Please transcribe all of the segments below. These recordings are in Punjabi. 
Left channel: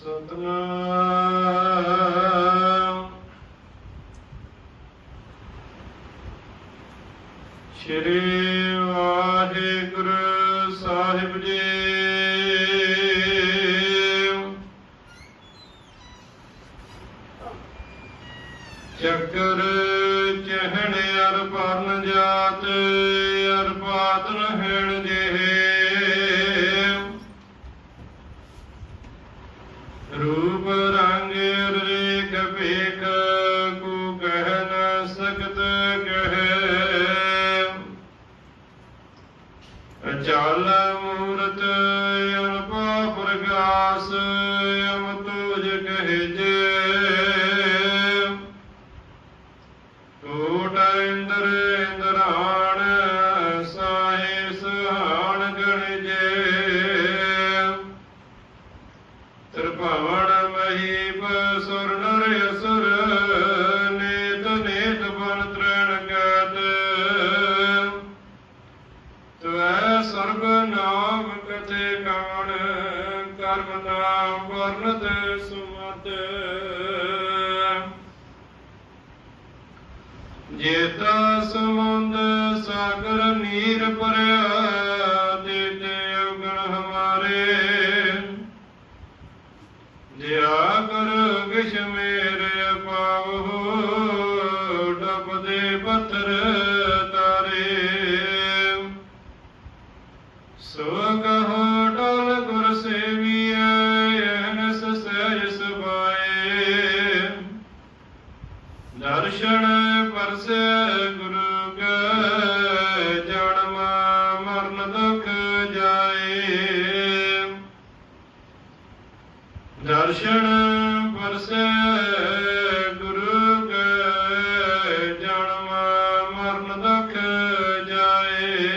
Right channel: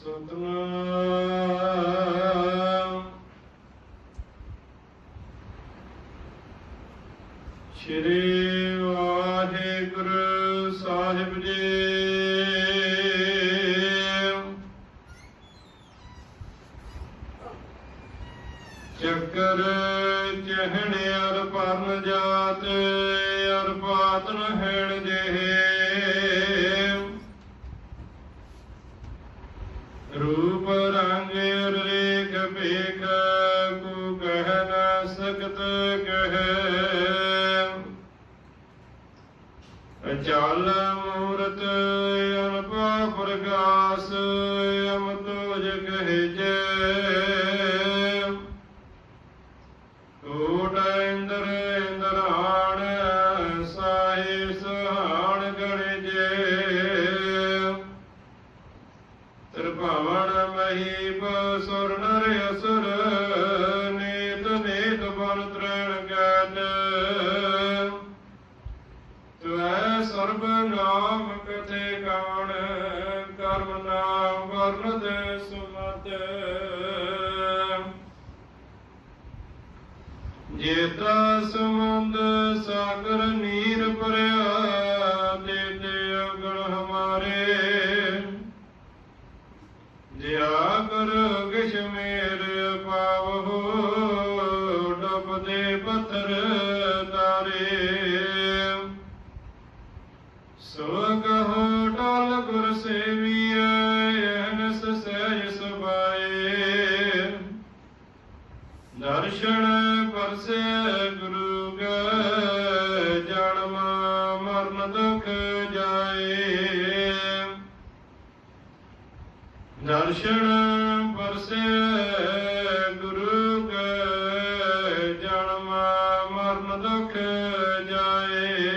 ਸਤਨਾਮ। ਸ਼੍ਰੀ ਵਾਹਿਗੁਰੂ ਸਾਹਿਬ ਜੀ। ਚੱਕਰ ਚਹਿਣ ਅਰ ਪਰਨ ਜਾਤ وسلم ਦਰਸ਼ਨ ਪਰਸੇ ਗੁਰੂ ਕੈ, ਜਨਮ ਮਰਨ ਦੁਖ ਜਾਏ। ਦਰਸ਼ਨ ਪਰਸੇ ਗੁਰੂ ਕੈ, ਜਨਮ ਮਰਨ ਦੁਖ ਜਾਏ।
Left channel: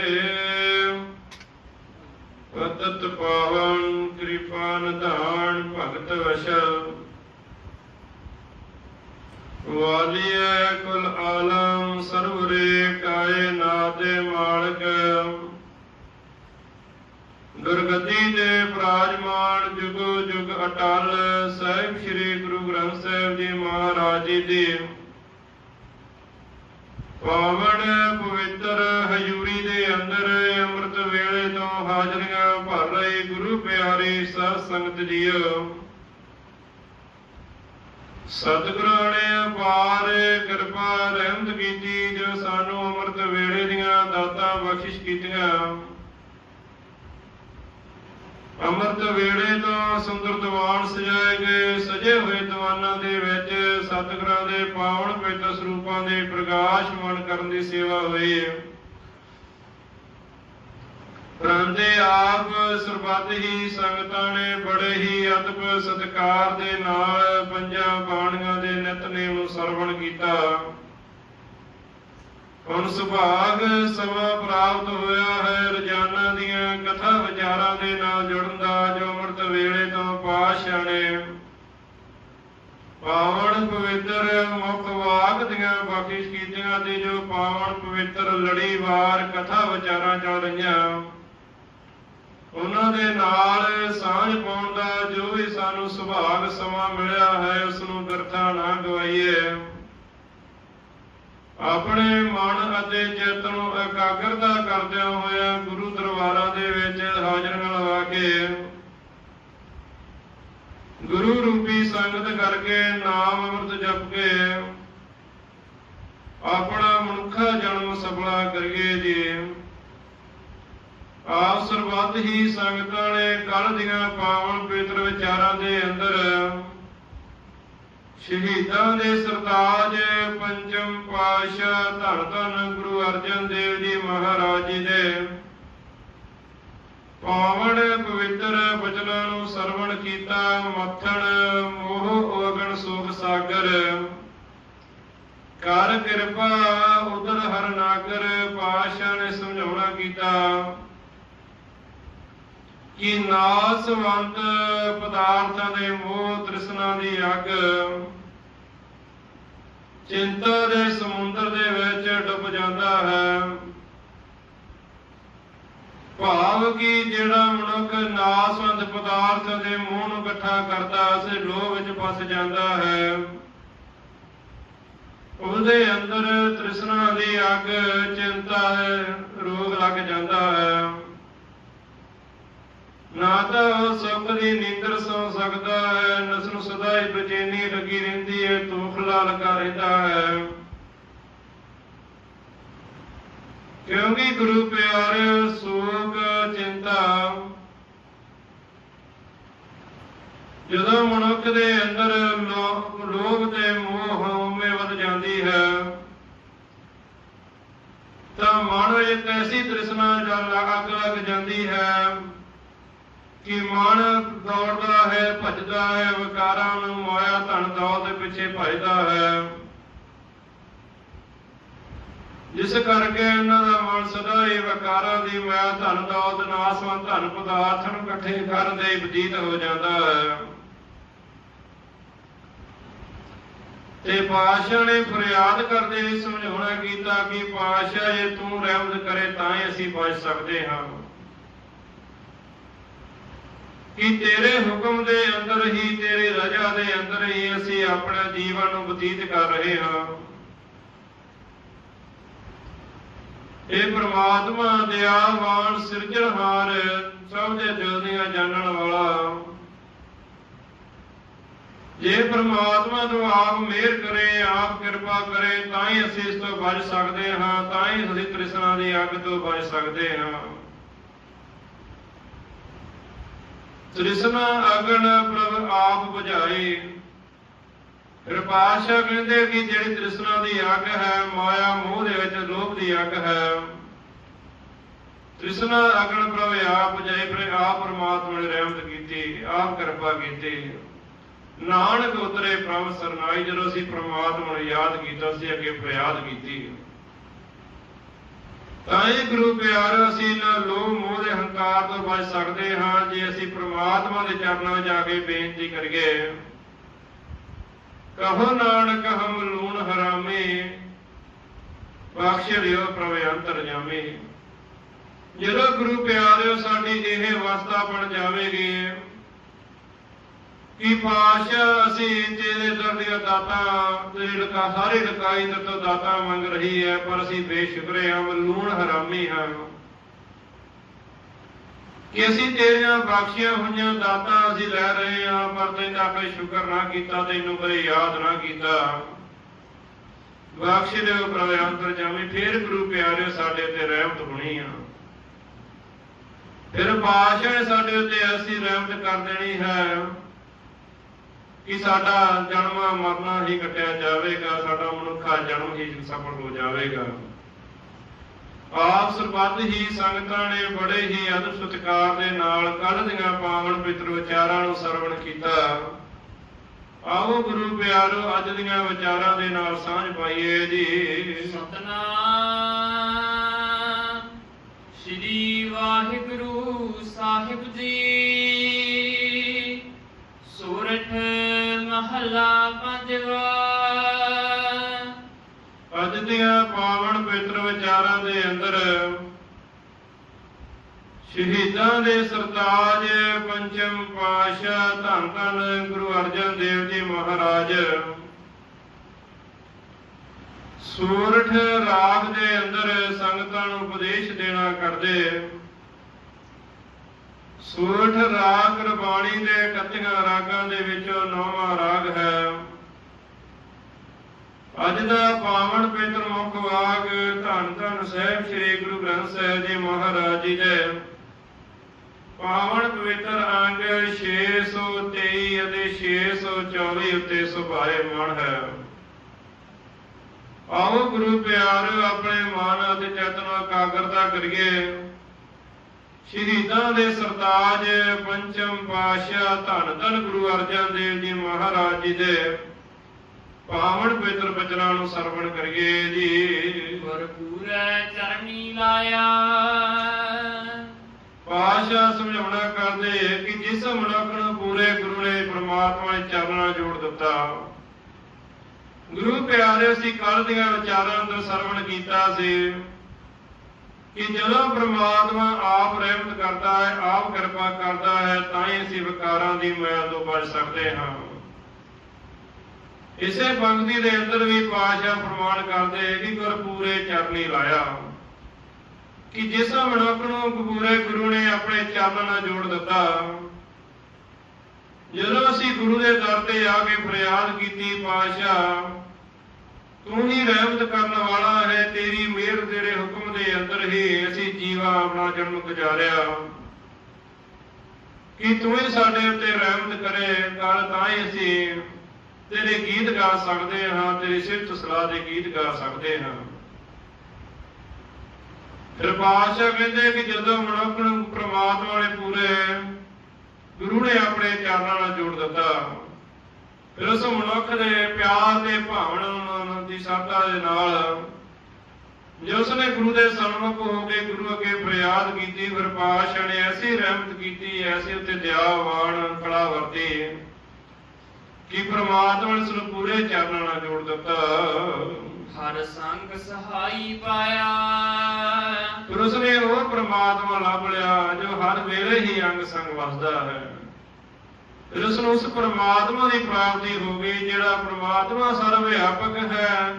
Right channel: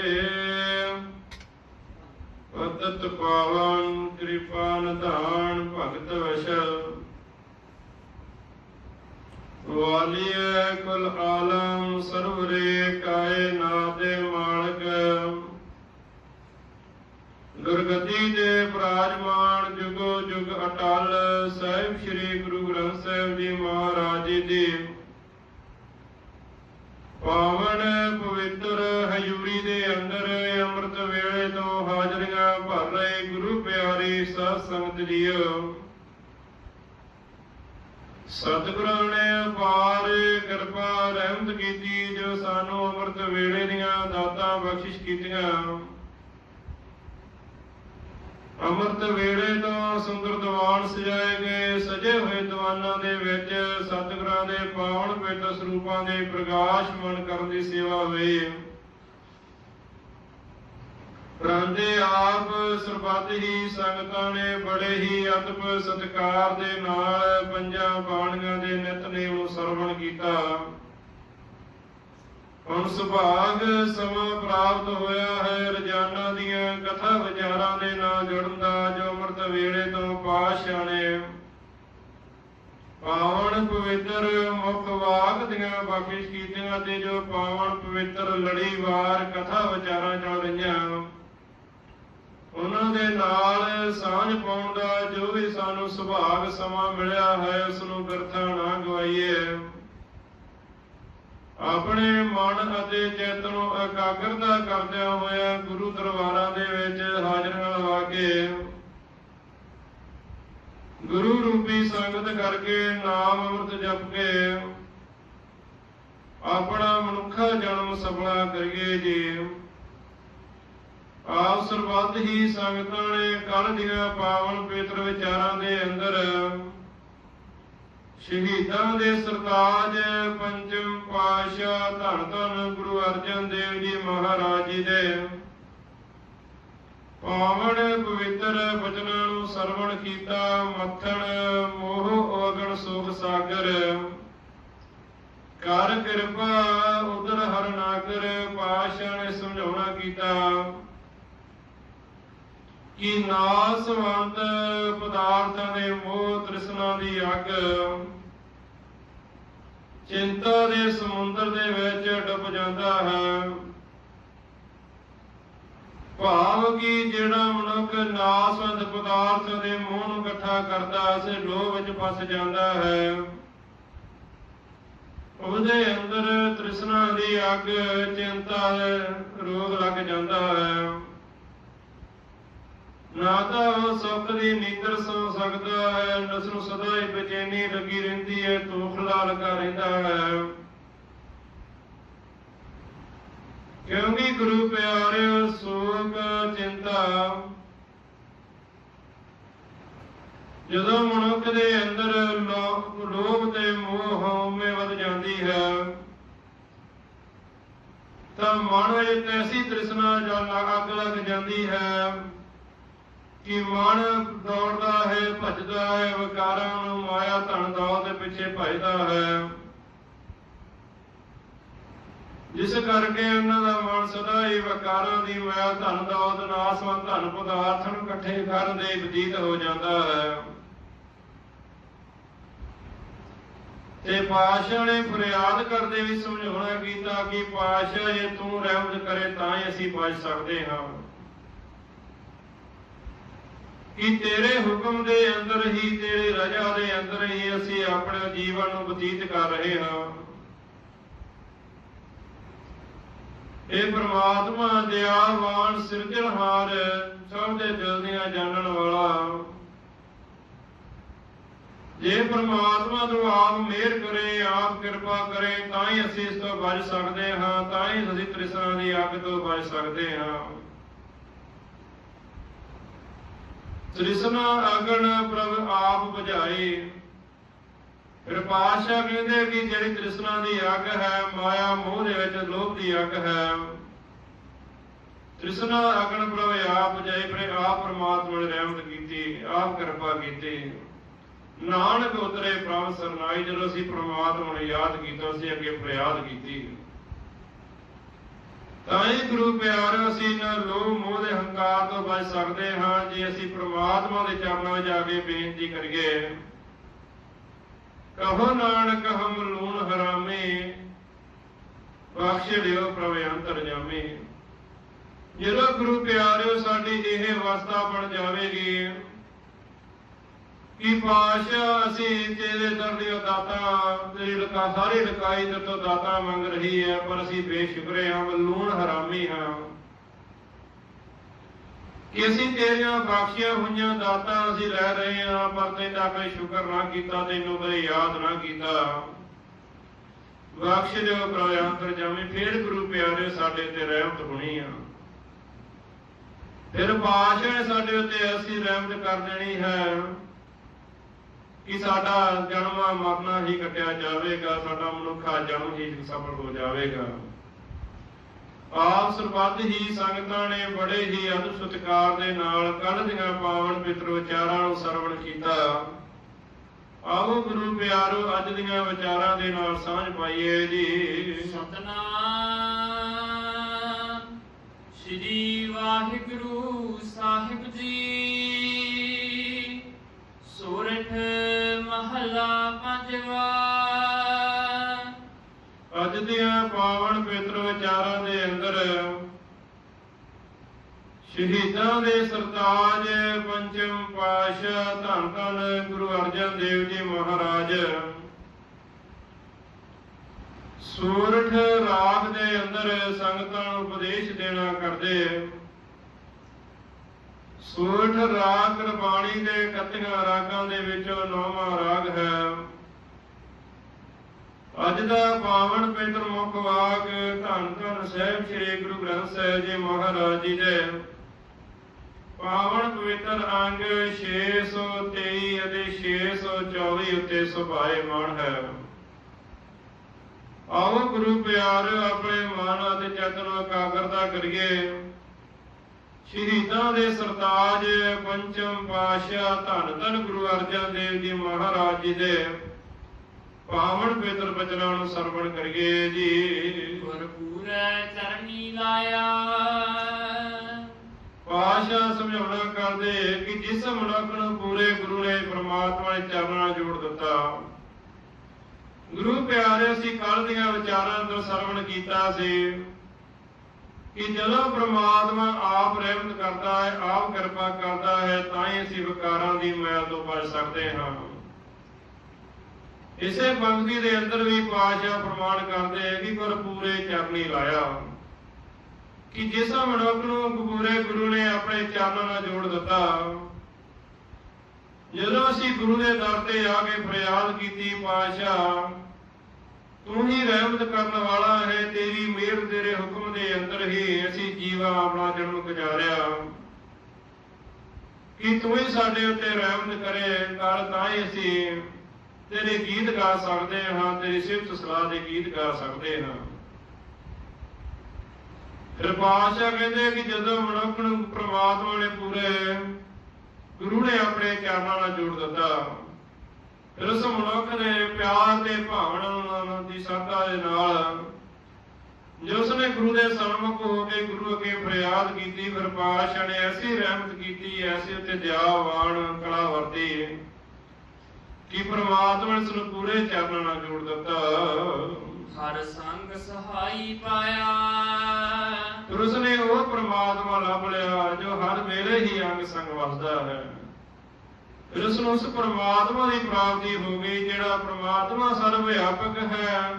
ਪਤਤ ਪਾਵਨ, ਕਿਰਪਾ ਨਿਧਾਨ, ਭਗਤ ਵਸ਼ਲ ਵਾਲੀਏ ਕੁਲ ਆਲਮ ਸਰਵਰੇ ਕਾਏ ਨਾਦੇ ਮਾਲਕ। ਦੁਰਗਤੀ ਦੇ ਪ੍ਰਾਜਮਾਨ ਜੁਗੋ ਜੁਗ ਅਟਲ, ਸਾਹਿਬ ਸ੍ਰੀ ਗੁਰੂ ਗ੍ਰੰਥ ਸਾਹਿਬ ਜੀ ਮਹਾਰਾਜ ਜੀ। ਦੀ ਪਾਵਨ ਪਵਿੱਤਰ ਹਜੂਰੀ ਦੇ ਅੰਦਰ ਅੰਮ੍ਰਿਤ ਵੇਲੇ ਤੋਂ ਹਾਜ਼ਰੀਆਂ ਭਰ ਰਹੇ ਗੁਰੂ ਪਿਆਰੀ ਸਾਧ ਸੰਗਤ ਜੀਓ। ਸਤਿਗੁਰਾਂ ਨੇ ਅਪਾਰ ਕਿਰਪਾ ਰਹਿਮਤ ਕੀਤੀ, ਜੋ ਸਾਨੂੰ ਅੰਮ੍ਰਿਤ ਵੇਲੇ ਦੀਆਂ ਦਾਤਾਂ ਬਖਸ਼ਿਸ਼ ਕੀਤੀਆਂ। ਅੰਮ੍ਰਿਤ ਵੇਲੇ ਤੋਂ ਸੁੰਦਰ ਦੀਵਾਨ ਸਜਾਏ ਗਏ, ਸਜੇ ਹੋਏ ਦੀਵਾਨਾਂ ਦੇ ਵਿੱਚ ਸਤਿਗੁਰਾਂ ਦੇ ਪਾਵਨ ਪਵਿੱਤਰ ਸਰੂਪਾਂ ਦੇ ਪ੍ਰਗਾਸ਼ਮਾਨ ਕਰਨ ਦੀ ਸੇਵਾ ਹੋਈ ਹੈ। ਪਰਾਂਦੇ ਆਪ ਸਰਬੱਤ ਹੀ ਸੰਗਤਾਂ ਨੇ ਬੜੇ ਹੀ ਅਦਬ ਸਤਿਕਾਰ ਦੇ ਨਾਲ ਪੰਜਾਂ ਬਾਣੀਆਂ ਦੇ ਨਿਤਨੇਮ ਨੂੰ ਸਰਵਣ ਕੀਤਾ। ਹੁਣ ਸੁਭਾਗ ਸਮਾਂ ਪ੍ਰਾਪਤ ਹੋਇਆ ਹੈ, ਰੋਜ਼ਾਨਾ ਦੀਆਂ ਕਥਾ ਵਿਚਾਰਾਂ ਦੇ ਨਾਲ ਜੁੜਨ ਦਾ ਜੋ ਅੰਮ੍ਰਿਤ ਵੇਲੇ ਤੋਂ ਪਾਸ਼ਾ ਨੇ ਪਾਵਨ ਪਵਿੱਤਰ ਮੁਖ ਵਾਕ ਦੀਆਂ ਬਖਸ਼ਿਸ਼ ਕੀਤੀਆਂ ਤੇ ਜੋ ਪਾਵਨ ਪਵਿੱਤਰ ਲੜੀਵਾਰ ਕਥਾ ਵਿਚਾਰਾਂ ਚੱਲ ਰਹੀਆਂ। ਉਹਨਾਂ ਦੇ ਨਾਲ ਸਾਂਝ ਪਾਉਣ ਦਾ ਜੋ ਵੀ ਸਾਨੂੰ ਸੁਭਾਗ ਸਮਾਂ ਮਿਲਿਆ ਹੈ, ਉਸ ਨੂੰ ਬਿਰਥਾ ਨਾ ਗਵਾਈਏ। ਆਪਣੇ ਮਨ ਅਤੇ ਚਿੱਤ ਨੂੰ ਇਕਾਗਰਤਾ ਕਰਦਿਆਂ ਹੋਇਆ ਗੁਰੂ ਦਰਬਾਰਾਂ ਦੇ ਵਿੱਚ ਹਾਜ਼ਰੀਆਂ ਲਵਾ ਕੇ ਗੁਰੂ ਰੂਪੀ ਸੰਗਤ ਕਰਕੇ ਨਾਮ ਅੰਮ੍ਰਿਤ ਜਪ ਕੇ ਆਪਣਾ ਮਨੁੱਖਾ ਜਨਮ ਸਫਲਾ ਕਰੀਏ ਜੀ। ਆਪ ਸਰਬੱਤ ਹੀ ਸੰਗਤਾਂ ਨੇ ਕਲ ਦੀਆਂ ਪਾਵਨ ਪਵਿੱਤਰ ਵਿਚਾਰਾਂ ਦੇ ਅੰਦਰ ਸ਼ਹੀਦਾਂ ਦੇ ਸਰਤਾਜ ਪੰਚਮ ਪਾਤਸ਼ਾਹ ਧੰਨ ਧੰਨ ਗੁਰੂ ਅਰਜਨ ਦੇਵ ਜੀ ਮਹਾਰਾਜ ਜੀ ਦੇ ਪਾਵਨ ਪਵਿੱਤਰ ਬਚਨਾਂ ਨੂੰ ਸਰਵਣ ਕੀਤਾ, ਮੱਥਣ, ਮੋਹ ਔਗਣ ਸੁਖ ਸਾਗਰ। ਕਰ ਕਿਰਪਾ ਉਦਰ ਹਰ ਨਾਗਰ, ਪਾਤਸ਼ਾਹ ਨੇ ਸਮਝਾਉਣਾ ਕੀਤਾ। ਕਿ ਨਾਸਵੰਤ ਪਦਾਰਥਾਂ ਦੇ ਮੋਹ ਤ੍ਰਿਸ਼ਨਾ ਦੀ ਅੱਗ ਚਿੰਤਾ ਦੇ ਸਮੁੰਦਰ ਦੇ ਵਿੱਚ ਡੁੱਬ ਜਾਂਦਾ ਹੈ। ਭਾਵ ਕਿ ਜਿਹੜਾ ਮਨੁੱਖ ਨਾਸਵੰਦ ਪਦਾਰਥ ਦੇ ਮੂੰਹ ਨੂੰ ਇਕੱਠਾ ਕਰਦਾ ਸੇ ਲੋਭ ਵਿੱਚ ਫਸ ਜਾਂਦਾ ਹੈ। ਉਹਦੇ ਅੰਦਰ ਤ੍ਰਿਸ਼ਨਾ ਦੀ ਅੱਗ, ਚਿੰਤਾ, ਰੋਗ ਲੱਗ ਜਾਂਦਾ ਹੈ। ਨਾ ਤਾਂ ਉਹ ਸੁੱਖ ਦੀ ਨੀਂਦਰ ਸੌ ਸਕਦਾ ਹੈ ਨਸ ਨੂੰ ਸਦਾ ਹੀ ਬੇਚੈਨੀ ਲੱਗੀ ਰਹਿੰਦੀ ਹੈ ਤੋਖਲਾ ਲੱਗਾ ਰਹਿੰਦਾ ਹੈ। ਕਿਉਂਕਿ ਗੁਰੂ ਪਿਆਰਿਓ ਸੋਗ ਚਿੰਤਾ। ਜਦੋਂ ਮਨੁੱਖ ਦੇ ਅੰਦਰ ਲੋ- ਲੋਭ ਤੇ ਮੋਹ ਹਉਮੈ ਵੱਧ ਜਾਂਦੀ ਹੈ, ਤਾਂ ਮਨ ਵਿੱਚ ਐਸੀ ਤ੍ਰਿਸ਼ਨਾ ਜਾਂ ਅੱਗ ਲੱਗ ਜਾਂਦੀ ਹੈ। ਕਿ ਮਨ ਦੌੜਦਾ ਹੈ, ਭੱਜਦਾ ਹੈ, ਵਿਕਾਰਾਂ ਨੂੰ ਮਾਇਆ, ਧਨ ਦੌਲਤ ਦੇ ਪਿੱਛੇ ਭੱਜਦਾ ਹੈ। ਜਿਸ ਕਰਕੇ ਉਹਨਾਂ ਦਾ ਮਨ ਸਦਾ ਹੀ ਵਿਕਾਰਾਂ ਦੀ ਮਾਇਆ, ਧਨ ਦੌਲਤ ਨਾਸਵੰਤ ਧਨ ਪਦਾਰਥ ਨੂੰ ਇਕੱਠੇ ਕਰਨ ਦੇ ਬਤੀਤ ਹੋ ਜਾਂਦਾ ਹੈ। ਤੇ ਪਾਸ਼ਾ ਨੇ ਫਰਿਆਦ ਕਰਦੇ ਸਮਝਾਉਣਾ ਕੀਤਾ ਕਿ ਪਾਸ਼ਾ ਇਹ ਤੂੰ ਰਹਿਮਤ ਕਰੇ, ਤਾਂ ਹੀ ਅਸੀਂ ਬਚ ਸਕਦੇ ਹਾਂ। ਕਿ ਤੇਰੇ ਹੁਕਮ ਦੇ ਅੰਦਰ ਹੀ, ਤੇਰੀ ਰਜ਼ਾ ਦੇ ਅੰਦਰ ਹੀ ਅਸੀਂ ਆਪਣਾ ਜੀਵਨ ਬਤੀਤ ਕਰ ਰਹੇ ਹਾਂ। ਇਹ ਪ੍ਰਮਾਤਮਾ ਦਿਆਵਾਨ ਸਿਰਜਣਹਾਰ ਸਭ ਦੇ ਦਿਲ ਦੀਆਂ ਜਾਣਨ ਵਾਲਾ। ਜੇ ਪ੍ਰਮਾਤਮਾ ਤੋਂ ਆਪ ਮਿਹਰ ਕਰੇ, ਆਪ ਕਿਰਪਾ ਕਰੇ, ਤਾਂ ਹੀ ਅਸੀਂ ਇਸ ਤੋਂ ਬਚ ਸਕਦੇ ਹਾਂ, ਤਾਂ ਹੀ ਅਸੀਂ ਤ੍ਰਿਸ਼ਨਾ ਦੀ ਅੱਗ ਤੋਂ ਬਚ ਸਕਦੇ ਹਾਂ। ਤ੍ਰਿਸ਼ਨਾ ਅਗਨ ਪ੍ਰਭ ਆਪ ਬੁਝਾਏ। ਫਿਰ ਪਾਸ਼ਾ ਕਹਿੰਦੇ ਕਿ ਜਿਹੜੀ ਤ੍ਰਿਸ਼ਨਾ ਦੀ ਅੱਗ ਹੈ, ਮਾਇਆ ਮੋਹ ਦੇ ਵਿੱਚ ਲੋਭ ਦੀ ਅੱਗ ਹੈ। ਤ੍ਰਿਸ਼ਨਾ ਅਗਨ ਪ੍ਰਭ ਆਪ ਬੁਝਾਏ, ਫਿਰ ਆਪ ਪਰਮਾਤਮਾ ਨੇ ਰਹਿਮਤ ਕੀਤੀ, ਆਪ ਕਿਰਪਾ ਕੀਤੀ। ਨਾਨਕ ਉਤਰੇ ਪ੍ਰਭ ਸਰਨਾਈ ਜਦੋਂ ਅਸੀਂ ਪ੍ਰਮਾਤਮਾ ਨੂੰ ਯਾਦ ਕੀਤਾ ਸੀ ਅੱਗੇ ਫਰਿਆਦ ਕੀਤੀ। ਤਾਂ ਇਹ ਗੁਰੂ ਪਿਆਰਾ ਸੀ, ਨਾ ਲੋਭ ਮੋਹ ਤੋਂ ਬਚ ਸਕਦੇ ਹਾਂ, ਜੇ ਅਸੀਂ ਪ੍ਰਮਾਤਮਾ ਦੇ ਚਰਨਾਂ ਵਿੱਚ ਜਾ ਕੇ ਬੇਨਤੀ ਕਰੀਏ। ਕਹੋ ਨਾਨਕ, ਹਮ ਲੂਣ ਹਰਾਮੇ, ਬਖਸ਼ ਲਿਓ ਪ੍ਰਭ ਅੰਤਰ ਜਾਮੇ। ਜਦੋਂ ਗੁਰੂ ਪਿਆਰਿਓ ਸਾਡੀ ਇਹ ਅਵਸਥਾ ਬਣ ਜਾਵੇਗੀ। ਕਿ ਪਾਸ਼ਾ ਅਸੀਂ ਤੇਰੇ ਦਰ ਦੀਆਂ ਦਾਤਾਂ ਤੇਰੀ ਲਕਾ ਸਾਰੇ ਲਕਾਈ ਦਰ ਤੋਂ ਦਾਤਾਂ ਮੰਗ ਰਹੀ ਹੈ, ਪਰ ਅਸੀਂ ਬੇਸ਼ੁਕਰੇ ਹਾਂ ਲੂਣ ਹਰਾਮੀ ਹਾਂ। ਕਿ ਅਸੀਂ ਤੇਰੀਆਂ ਬਖਸ਼ੀਆਂ ਹੋਈਆਂ ਦਾਤਾਂ ਅਸੀਂ ਲੈ ਰਹੇ ਹਾਂ, ਪਰ ਤੈਨੂੰ ਕੋਈ ਸ਼ੁਕਰ ਨਾ ਕੀਤਾ, ਤੈਨੂੰ ਕੋਈ ਯਾਦ ਨਾ ਕੀਤਾ। ਬਖਸ਼ ਦਿਓ ਪ੍ਰਭ, ਅੰਤਰ ਜਾਮੀ ਫੇਰ ਗੁਰੂ ਪਿਆਰੇ ਸਾਡੇ ਤੇ ਰਹਿਮਤ ਹੋਣੀ ਆ। ਫਿਰ ਪਾਸ਼ਾ ਸਾਡੇ ਉੱਤੇ ਅਸੀਂ ਰਹਿਮਤ ਕਰ ਦੇਣੀ ਹੈ ਕਿ ਸਾਡਾ ਜਨਮ ਮਰਨਾ ਹੀ ਕੱਟਿਆ ਜਾਵੇਗਾ, ਸਾਡਾ ਮਨੁੱਖਾ ਜਨਮ ਹੀ ਸਫਲ ਹੋ ਜਾਵੇਗਾ। ਆਪ ਸਰਬੱਤ ਹੀ ਸੰਗਤਾਂ ਨੇ ਬੜੇ ਹੀ ਅਦਬ ਸਤਿਕਾਰ ਦੇ ਨਾਲ ਕੱਲ ਦੀਆਂ ਪਾਵਨ ਪਿਤਰ ਵਿਚਾਰਾਂ ਨੂੰ ਸਰਵਣ ਕੀਤਾ। ਆਓ ਗੁਰੂ ਪਿਆਰੋ, ਅੱਜ ਦੀਆਂ ਵਿਚਾਰਾਂ ਦੇ ਨਾਲ ਸਾਂਝ ਪਾਈਏ ਜੀ। ਸਤਨਾਮ। ਸ੍ਰੀ ਵਾਹਿਗੁਰੂ ਸਾਹਿਬ ਜੀ। ਸੂਰਠ ਮਹਲਾ ਪੰਜਵਾ। ਅੱਜ ਪਾਵਨ ਪਵਿੱਤਰ ਵਿਚਾਰਾਂ ਦੇ ਅੰਦਰ ਸ਼ਹੀਦਾਂ ਦੇ ਸਰਤਾਜ, ਪੰਚਮ ਪਾਤਸ਼ਾਹ, ਧੰਨ ਧੰਨ ਗੁਰੂ ਅਰਜਨ ਦੇਵ ਜੀ ਮਹਾਰਾਜ, ਸੂਰਠ ਰਾਗ ਦੇ ਅੰਦਰ ਸੰਗਤਾਂ ਨੂੰ ਉਪਦੇਸ਼ ਦੇਣਾ ਕਰਦੇ। ਸੂਰਠ ਰਾਗ ਗੁਰਬਾਣੀ ਦੇ 31 ਰਾਗਾਂ ਦੇ ਵਿੱਚੋਂ ਨੌਵਾਂ ਰਾਗ ਹੈ। ਅੱਜ ਦਾ ਪਾਵਨ ਪਵਿੱਤਰ ਮੁੱਖ ਵਾਕ ਧੰਨ ਧੰਨ ਸਾਹਿਬ ਸ੍ਰੀ ਗੁਰੂ ਗ੍ਰੰਥ ਸਾਹਿਬ ਜੀ ਮਹਾਰਾਜ ਜੀ ਦੇ। ਪਾਵਨ ਪਵਿੱਤਰ ਅੰਗ 623 ਅਤੇ 624 ਉੱਤੇ ਸੁਭਾਏਮਾਨ ਹੈ। ਆਓ ਗੁਰੂ ਪਿਆਰ ਆਪਣੇ ਮਨ ਅਤੇ ਚੇਤਨ ਇਕਾਗਰਤਾ ਕਰੀਏ। ਸ਼ਹੀਦਾਂ ਦੇ ਸਰਤਾਜ ਪੰਚਮ ਪਾਤਸ਼ਾਹ ਧੰਨ ਧੰਨ ਗੁਰੂ ਅਰਜਨ ਦੇਵ ਜੀ ਮਹਾਰਾਜ ਜੀ ਦੇ। ਪਾਵਨ ਪਵਿੱਤਰ ਬਚਨਾਂ ਨੂੰ ਸਰਵਣ ਕਰੀਏ ਜੀ। ਗੁਰਪੂਰੈ ਚਰਨੀ ਲਾਇਆ। ਪਾਸ਼ਾ ਸਮਝਾਉਣਾ ਕਰਦੇ ਕਿ ਜਿਸ ਮਨੁੱਖ ਨੂੰ ਪੂਰੇ ਗੁਰੂ ਨੇ ਪ੍ਰਮਾਤਮਾ ਦੇ ਚਰਨਾਂ ਜੋੜ ਦਿੱਤਾ। ਗੁਰੂ ਪਿਆਰੇ ਅਸੀਂ ਕੱਲ ਦੀਆਂ ਵਿਚਾਰਾਂ ਤੋਂ ਸਰਵਣ ਕੀਤਾ ਸੀ ਕਿ ਜਦੋਂ ਪ੍ਰਮਾਤਮਾ ਆਪ ਰਹਿਮਤ ਕਰਦਾ ਹੈ ਆਪ ਕਿਰਪਾ ਕਰਦਾ ਹੈ ਤਾਂ ਹੀ ਅਸੀਂ ਵਿਕਾਰਾਂ ਦੀ ਮੈਲ ਤੋਂ ਬਚ ਸਕਦੇ ਹਾਂ। ਇਸੇ ਪੰਕਤੀ ਦੇ ਅੰਦਰ ਵੀ ਪਾਸ਼ਾ ਪ੍ਰਮਾਣ ਕਰਦੇ ਕਿ ਗੁਰ ਪੂਰੇ ਚਰਨੀ ਲਾਇਆ। ਕਿ ਜਿਸ ਮਨੁੱਖ ਨੂੰ ਪੂਰੇ ਗੁਰੂ ਨੇ ਆਪਣੇ ਚਰਨਾਂ ਨਾਲ ਜੋੜ ਦਿੱਤਾ, ਜਦੋਂ ਅਸੀਂ ਗੁਰੂ ਦੇ ਦਰ ਤੇ ਆ ਕੇ ਫਰਿਆਦ ਕੀਤੀ ਪਾਸ਼ਾ ਤੂੰ ਹੀ ਰਹਿਮਤ ਕਰਨ ਵਾਲਾ ਹੈ, ਤੇਰੀ ਮਿਹਰ ਤੇਰੇ ਹੁਕਮ ਦੇ ਅੰਦਰ ਹੀ ਅਸੀਂ ਜੀਵਾ ਆਪਣਾ ਜਨਮ ਗੁਜ਼ਾਰਿਆ। ਕਿ ਤੂੰ ਹੀ ਸਾਡੇ ਉੱਤੇ ਰਹਿਮਤ ਕਰੇ ਤਾਂ ਤਾਂ ਹੀ ਅਸੀਂ ਤੇਰੇ ਗੀਤ ਗਾ ਸਕਦੇ ਹਾਂ, ਤੇਰੀ ਸਿਫਤ ਸਲਾਹ ਦੇ ਗੀਤ ਗਾ ਸਕਦੇ ਹਾਂ। ਫਿਰ ਪਾਤਸ਼ਾਹ ਕਹਿੰਦੇ ਕਿ ਜਦੋਂ ਮਨੁੱਖ ਨੂੰ ਪ੍ਰਮਾਤਮਾ ਨੇ ਪੂਰੇ ਗੁਰੂ ਨੇ ਆਪਣੇ ਚਰਨਾਂ ਨਾਲ ਜੋੜ ਦਿੱਤਾ, ਫਿਰ ਉਸ ਮਨੁੱਖ ਦੇ ਪਿਆਰ ਦੇ ਭਾਵਨਾ ਦੀ ਸਰਦਾ ਦੇ ਨਾਲ ਜੇ ਉਸਨੇ ਗੁਰੂ ਦੇ ਸਨਮੁਖ ਹੋ ਕੇ ਗੁਰੂ ਅੱਗੇ ਫਰਿਆਦ ਕੀਤੀ ਫਿਰ ਪਾਤਸ਼ਾਹ ਨੇ ਐਸੀ ਰਹਿਮਤ ਕੀਤੀ, ਐਸੀ ਉੱਤੇ ਦਿਆਵਾਨ ਕਲਾ ਵਰਤੀ ਕਿ ਪ੍ਰਮਾਤਮਾ ਨੇ ਉਸ ਨੂੰ ਪੂਰੇ ਚਰਨਾਂ ਨਾਲ ਜੋੜ ਦਿੱਤਾ। ਹਰ ਸੰਗ ਸਹਾਈ ਪਾਇਆ। ਫਿਰ ਉਸਨੇ ਉਹ ਪ੍ਰਮਾਤਮਾ ਲੱਭ ਲਿਆ ਜੋ ਹਰ ਵੇਲੇ ਹੀ ਅੰਗ ਸੰਗ ਵਸਦਾ ਹੈ ਫਿਰ ਉਸ ਨੂੰ ਉਸ ਪ੍ਰਮਾਤਮਾ ਦੀ ਪ੍ਰਾਪਤੀ ਹੋ ਗਈ ਜਿਹੜਾ ਪ੍ਰਮਾਤਮਾ ਸਰਵ ਵਿਆਪਕ ਹੈ।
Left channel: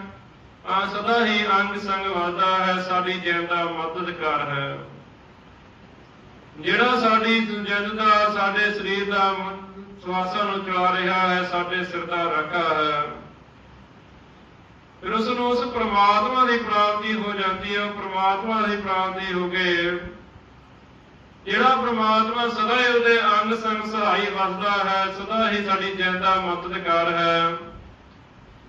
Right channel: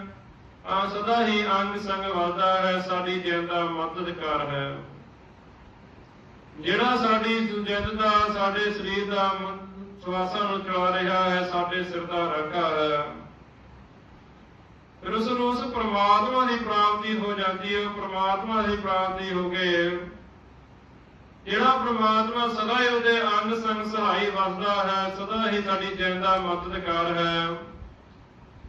ਆ ਸਦਾ ਹੀ ਅੰਗ ਸੰਗ ਵਸਦਾ ਹੈ ਸਾਡੀ ਜਿੰਦ ਦਾ ਮਦਦਗਾਰ ਹੈ। ਜਿਹੜਾ ਸਾਡੀ ਜਿੰਦ ਦਾ ਸਾਡੇ ਸਰੀਰ ਦਾ ਸਵਾਸਾਂ ਚਲਾ ਰਿਹਾ ਹੈ, ਸਾਡੇ ਸਿਰ ਦਾ ਰਾਖਾ ਹੈ ਫਿਰ ਉਸ ਨੂੰ ਉਸ ਪ੍ਰਮਾਤਮਾ ਦੀ ਪ੍ਰਾਪਤੀ ਹੋ ਜਾਂਦੀ ਹੈ ਪ੍ਰਮਾਤਮਾ ਦੀ ਪ੍ਰਾਪਤੀ ਹੋ ਕੇ ਜਿਹੜਾ ਪ੍ਰਮਾਤਮਾ ਸਦਾ ਹੀ ਉਹਦੇ ਅੰਗ ਸੰਗ ਸਹਾਈ ਵਸਦਾ ਹੈ, ਸਦਾ ਹੀ ਸਾਡੀ ਜਿੰਦਾ ਦਾ ਮਦਦਗਾਰ ਹੈ।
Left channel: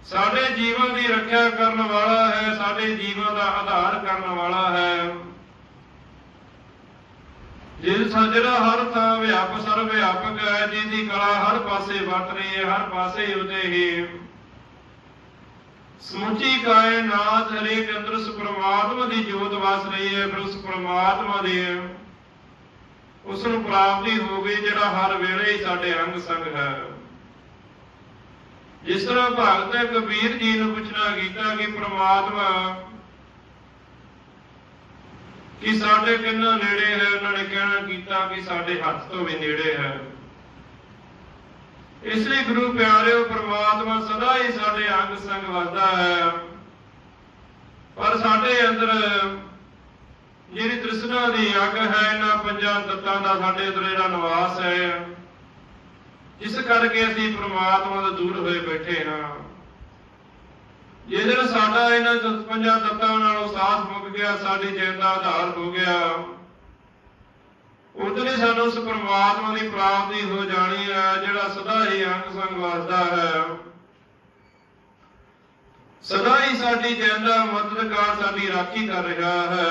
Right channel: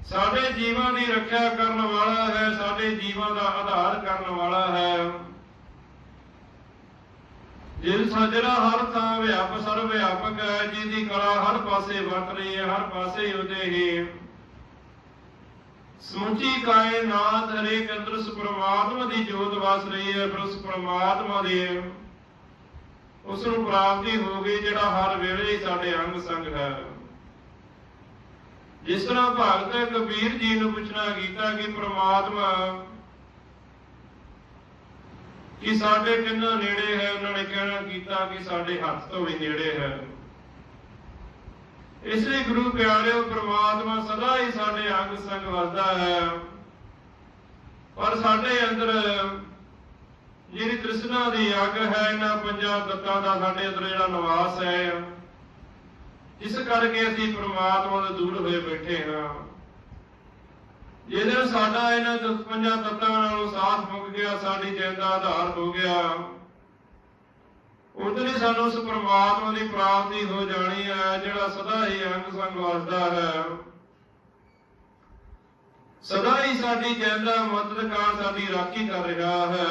ਸਾਡੇ ਜੀਵਨ ਦੀ ਰੱਖਿਆ ਕਰਨ ਵਾਲਾ ਹੈ, ਸਾਡੇ ਜੀਵਨ ਦਾ ਆਧਾਰ ਕਰਨ ਵਾਲਾ ਹੈ। ਜਿਸ ਜਿਹੜਾ ਹਰ ਥਾਂ ਵਿਆਪਕ ਸਰਵ ਵਿਆਪਕ ਹੈ ਜਿਸ ਦੀ ਕਲਾ ਹਰ ਪਾਸੇ ਵਰਤ ਰਹੀ ਹੈ ਹਰ ਪਾਸੇ ਉਹਦੇ ਹੀ। ਸਮੁੱਚੀ ਕਾਇਨਾਤ ਹਰੇਕ ਅੰਦਰ ਉਸ ਪ੍ਰਮਾਤਮਾ ਦੀ ਜੋਤ ਵਸ ਰਹੀ ਹੈ, ਫਿਰ ਉਸ ਪ੍ਰਮਾਤਮਾ ਦੇ ਉਸ ਨੂੰ ਪ੍ਰਾਪਤੀ ਹੋ ਗਈ, ਜਿਹੜਾ ਹਰ ਵੇਲੇ ਸਾਡੇ ਅੰਗ ਸੰਗ ਹੈ। ਜਿਸ ਤਰ੍ਹਾਂ ਭਗਤ ਕਬੀਰ ਜੀ ਨੂੰ ਪੁੱਛਣਾ ਕੀਤਾ ਕਿ ਪ੍ਰਮਾਤਮਾ ਕਿ ਸਾਡੇ ਕਿੰਨਾ ਨੇੜੇ ਹੈ, ਉਹਨਾਂ ਨੇ ਕਹਿਣਾ ਕੀਤਾ ਕਿ ਸਾਡੇ ਹੱਥ ਤੋਂ ਵੀ ਨੇੜੇ ਹੈ। ਇਸ ਲਈ ਗੁਰੂ ਪਿਆਰਿਓ ਪ੍ਰਮਾਤਮਾ ਸਦਾ ਹੀ ਸਾਡੇ ਅੰਗ ਸੰਗ ਵਸਦਾ ਹੈ। ਪਰ ਸਾਡੇ ਅੰਦਰ ਜਿਹੜੀ ਤ੍ਰਿਸ਼ਨਾ ਦੀ ਅੱਗ ਹੈ, ਇਹਨਾਂ ਪੰਜਾਂ ਤੱਤਾਂ ਦਾ ਸਾਡੇ ਅੰਦਰ ਜਿਹੜਾ ਨਿਵਾਸ ਹੈ। ਜਿਸ ਕਰਕੇ ਅਸੀਂ ਪ੍ਰਮਾਤਮਾ ਤੋਂ ਦੂਰ ਹੋਏ ਬੈਠੇ ਹਾਂ। ਜਿਹਦੇ ਸਾਡਾ ਇਹਨਾਂ ਤੋਂ ਪੰਜਾਂ ਤੱਤਾਂ ਨਾਲੋਂ ਸਾਥ ਮੁੱਕ ਗਿਆ ਸਾਡੀ ਜਿੰਦ ਦਾ ਆਧਾਰ ਹੋ ਗਿਆ। ਉਦੋਂ ਹੀ ਸਾਨੂੰ ਉਸ ਪ੍ਰਮਾਤਮਾ ਦੀ ਪ੍ਰਾਪਤੀ ਹੋ ਜਾਣੀ ਹੈ ਜਿਹੜਾ ਸਦਾ ਹੀ ਅੰਗ ਸੰਗ ਵਸਦਾ ਹੈ। ਸਦਾ ਹੀ ਸਾਡੀ ਜਿੰਦ ਦਾ ਮਦਦਗਾਰ ਸਾਡੀ ਰਾਖੀ ਕਰ ਰਿਹਾ ਹੈ।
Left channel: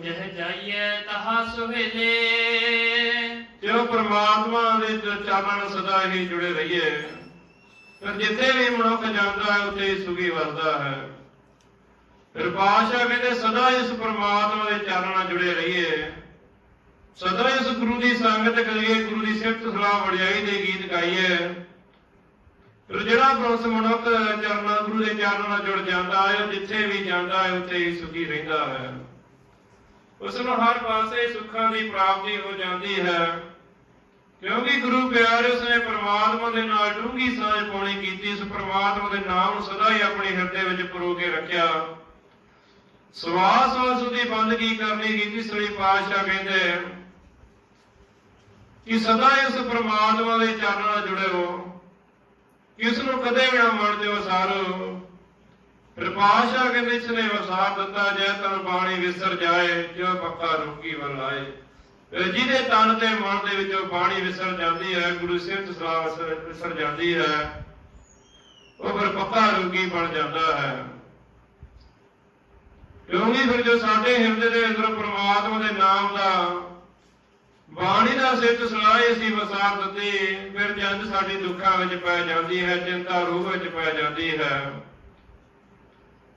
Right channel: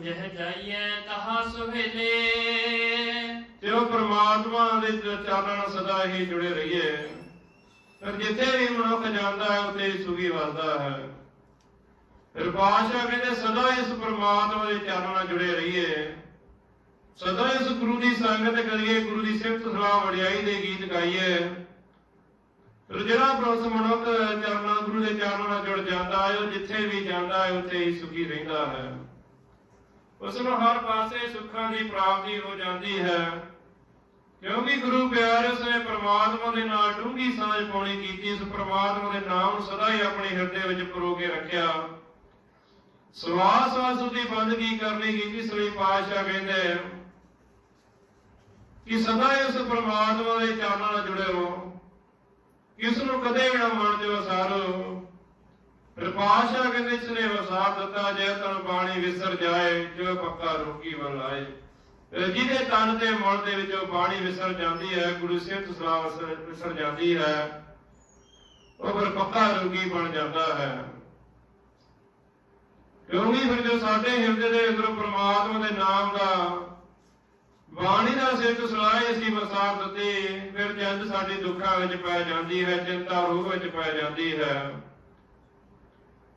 ਜਹ ਜਾਈਏ ਤਹਾ ਸੁਹੇਲੇ ਤੇ ਉਹ ਪ੍ਰਮਾਤਮਾ ਦੇ ਚਰਨਾਂ ਨਾਲ ਸਦਾ ਹੀ ਜੁੜੇ ਰਹੀਏ। ਪਰ ਜਿੱਥੇ ਵੀ ਮਨੁੱਖ ਜਾਂਦਾ ਹੈ ਉੱਥੇ ਹੀ ਸੁਖੀ ਵਸਦਾ ਹੈ। ਫਿਰ ਪਾਸ਼ਾ ਕਹਿੰਦੇ ਸਦਾ ਇਸ ਪ੍ਰਮਾਤਮਾ ਦੇ ਚਰਨਾਂ ਨਾਲ ਜੁੜੇ ਰਹੀਏ। ਸਦਾ ਇਸ ਗੁਰੂ ਦੀ ਸੰਗਤ ਕਰੀਏ, ਗੁਰੂ ਦੀ ਸਿਫਤ ਸਲਾਹ ਵਡਿਆਈ ਦੇ ਗੀਤ ਗਾਈਏ। ਫਿਰ ਜਿਹੜਾ ਬਰੋਸ ਮਨੁੱਖ ਚਰਨਾਂ, ਗੁਰੂ ਦੇ ਚਰਨਾਂ ਨਾਲ ਜੁੜ ਜਾਂਦਾ ਹੈ, ਜਿੱਥੇ ਵੀ ਜਾਂਦਾ ਹੈ, ਉੱਥੇ ਹੀ ਸੁਖੀ ਰਹਿੰਦਾ ਹੈ। ਉਸ ਨੂੰ ਹਰ ਪਾਸੇ ਸੁੱਖਾਂ ਦੀ ਪ੍ਰਾਪਤੀ ਹੋ ਜਾਂਦੀ ਹੈ। ਕਿਉਂਕਿ ਗੁਰੂ ਪਿਆਰੇ ਉਸਨੇ ਪ੍ਰਮਾਤਮਾ ਦੇ ਨਾਲ ਡੂੰਘੀ ਸਾਂਝ ਪਾਉਣੀ ਕੀਤੀ ਉਸ ਪ੍ਰਮਾਤਮਾ ਦੇ ਨਾਮ ਨੂੰ ਸਦਾ ਹੀ ਆਪਣੇ ਹਿਰਦੇ ਵਿੱਚ ਪਰੋ ਕੇ ਰੱਖਿਆ। ਸਵਾਸ ਵਾਸ ਦੀ ਬੰਦਗੀ ਕਰਨੀ ਕੀਤੀ ਸ੍ਰੀ ਪਾਤਸ਼ਾਹ ਕਹਿੰਦੇ ਕਿ ਸਦਾ ਹੀ ਪ੍ਰਮਾਤਮਾ ਦੇ ਚਰਨਾਂ ਨਾਲ ਜੁੜੇ ਹੋ, ਕਿ ਨੂੰ ਕਦੇ ਵੀ ਨਾ ਮਨ ਦਿਓ ਸਾਰੋ। ਫਿਰ ਪਾਤਸ਼ਾਹ ਕਹਿੰਦੇ ਨੇ ਵਸਾਰ ਦਿੱਤਾ ਜੇ ਤਨ ਬਾਣੀ ਵਿਸਰ ਜਾਏ ਜੋ ਪੱਕਾ ਰੋਗੀ ਵਲਾਏ ਫਿਰ ਜਿਹਦੇ ਤਨ ਤੇ ਮਨ ਦੇ ਵਿੱਚੋਂ ਬਾਣੀ ਵਿਸਰ ਜਾਂਦੀ ਹੈ, ਗੁਰੂ ਸਿੱਧ ਸਲਾਹ ਵਿਸਰ ਜਾਂਦੀ ਹੈ, ਉਹ ਫਿਰ ਪੱਕਾ ਰੋਗੀ ਬਣ ਜਾਂਦਾ ਹੈ। ਕਿਉਂਕਿ ਫਿਰ ਜੋ ਸਾਡੇ ਹਿਰਦੇ ਦੇ ਅੰਦਰ ਪ੍ਰਮਾਤਮਾ ਦੇ ਨਾਮ ਦਾ ਬਾਣੀ ਦਾ ਸਿੱਧ ਸੁਣਾਏ ਅਸੀਂ ਵਸਾਰ ਦਿੱਤੇ, ਫਿਰ ਜਦ ਸਾਡੀ ਦੁੱਖਾਂ ਵਿੱਚ ਪੈ ਜਾਂਦੀ ਹੈ, ਚਿੰਤਾ ਰੂਹ ਵਿੱਚ ਪੈ ਜਾਂਦੀ ਹੈ,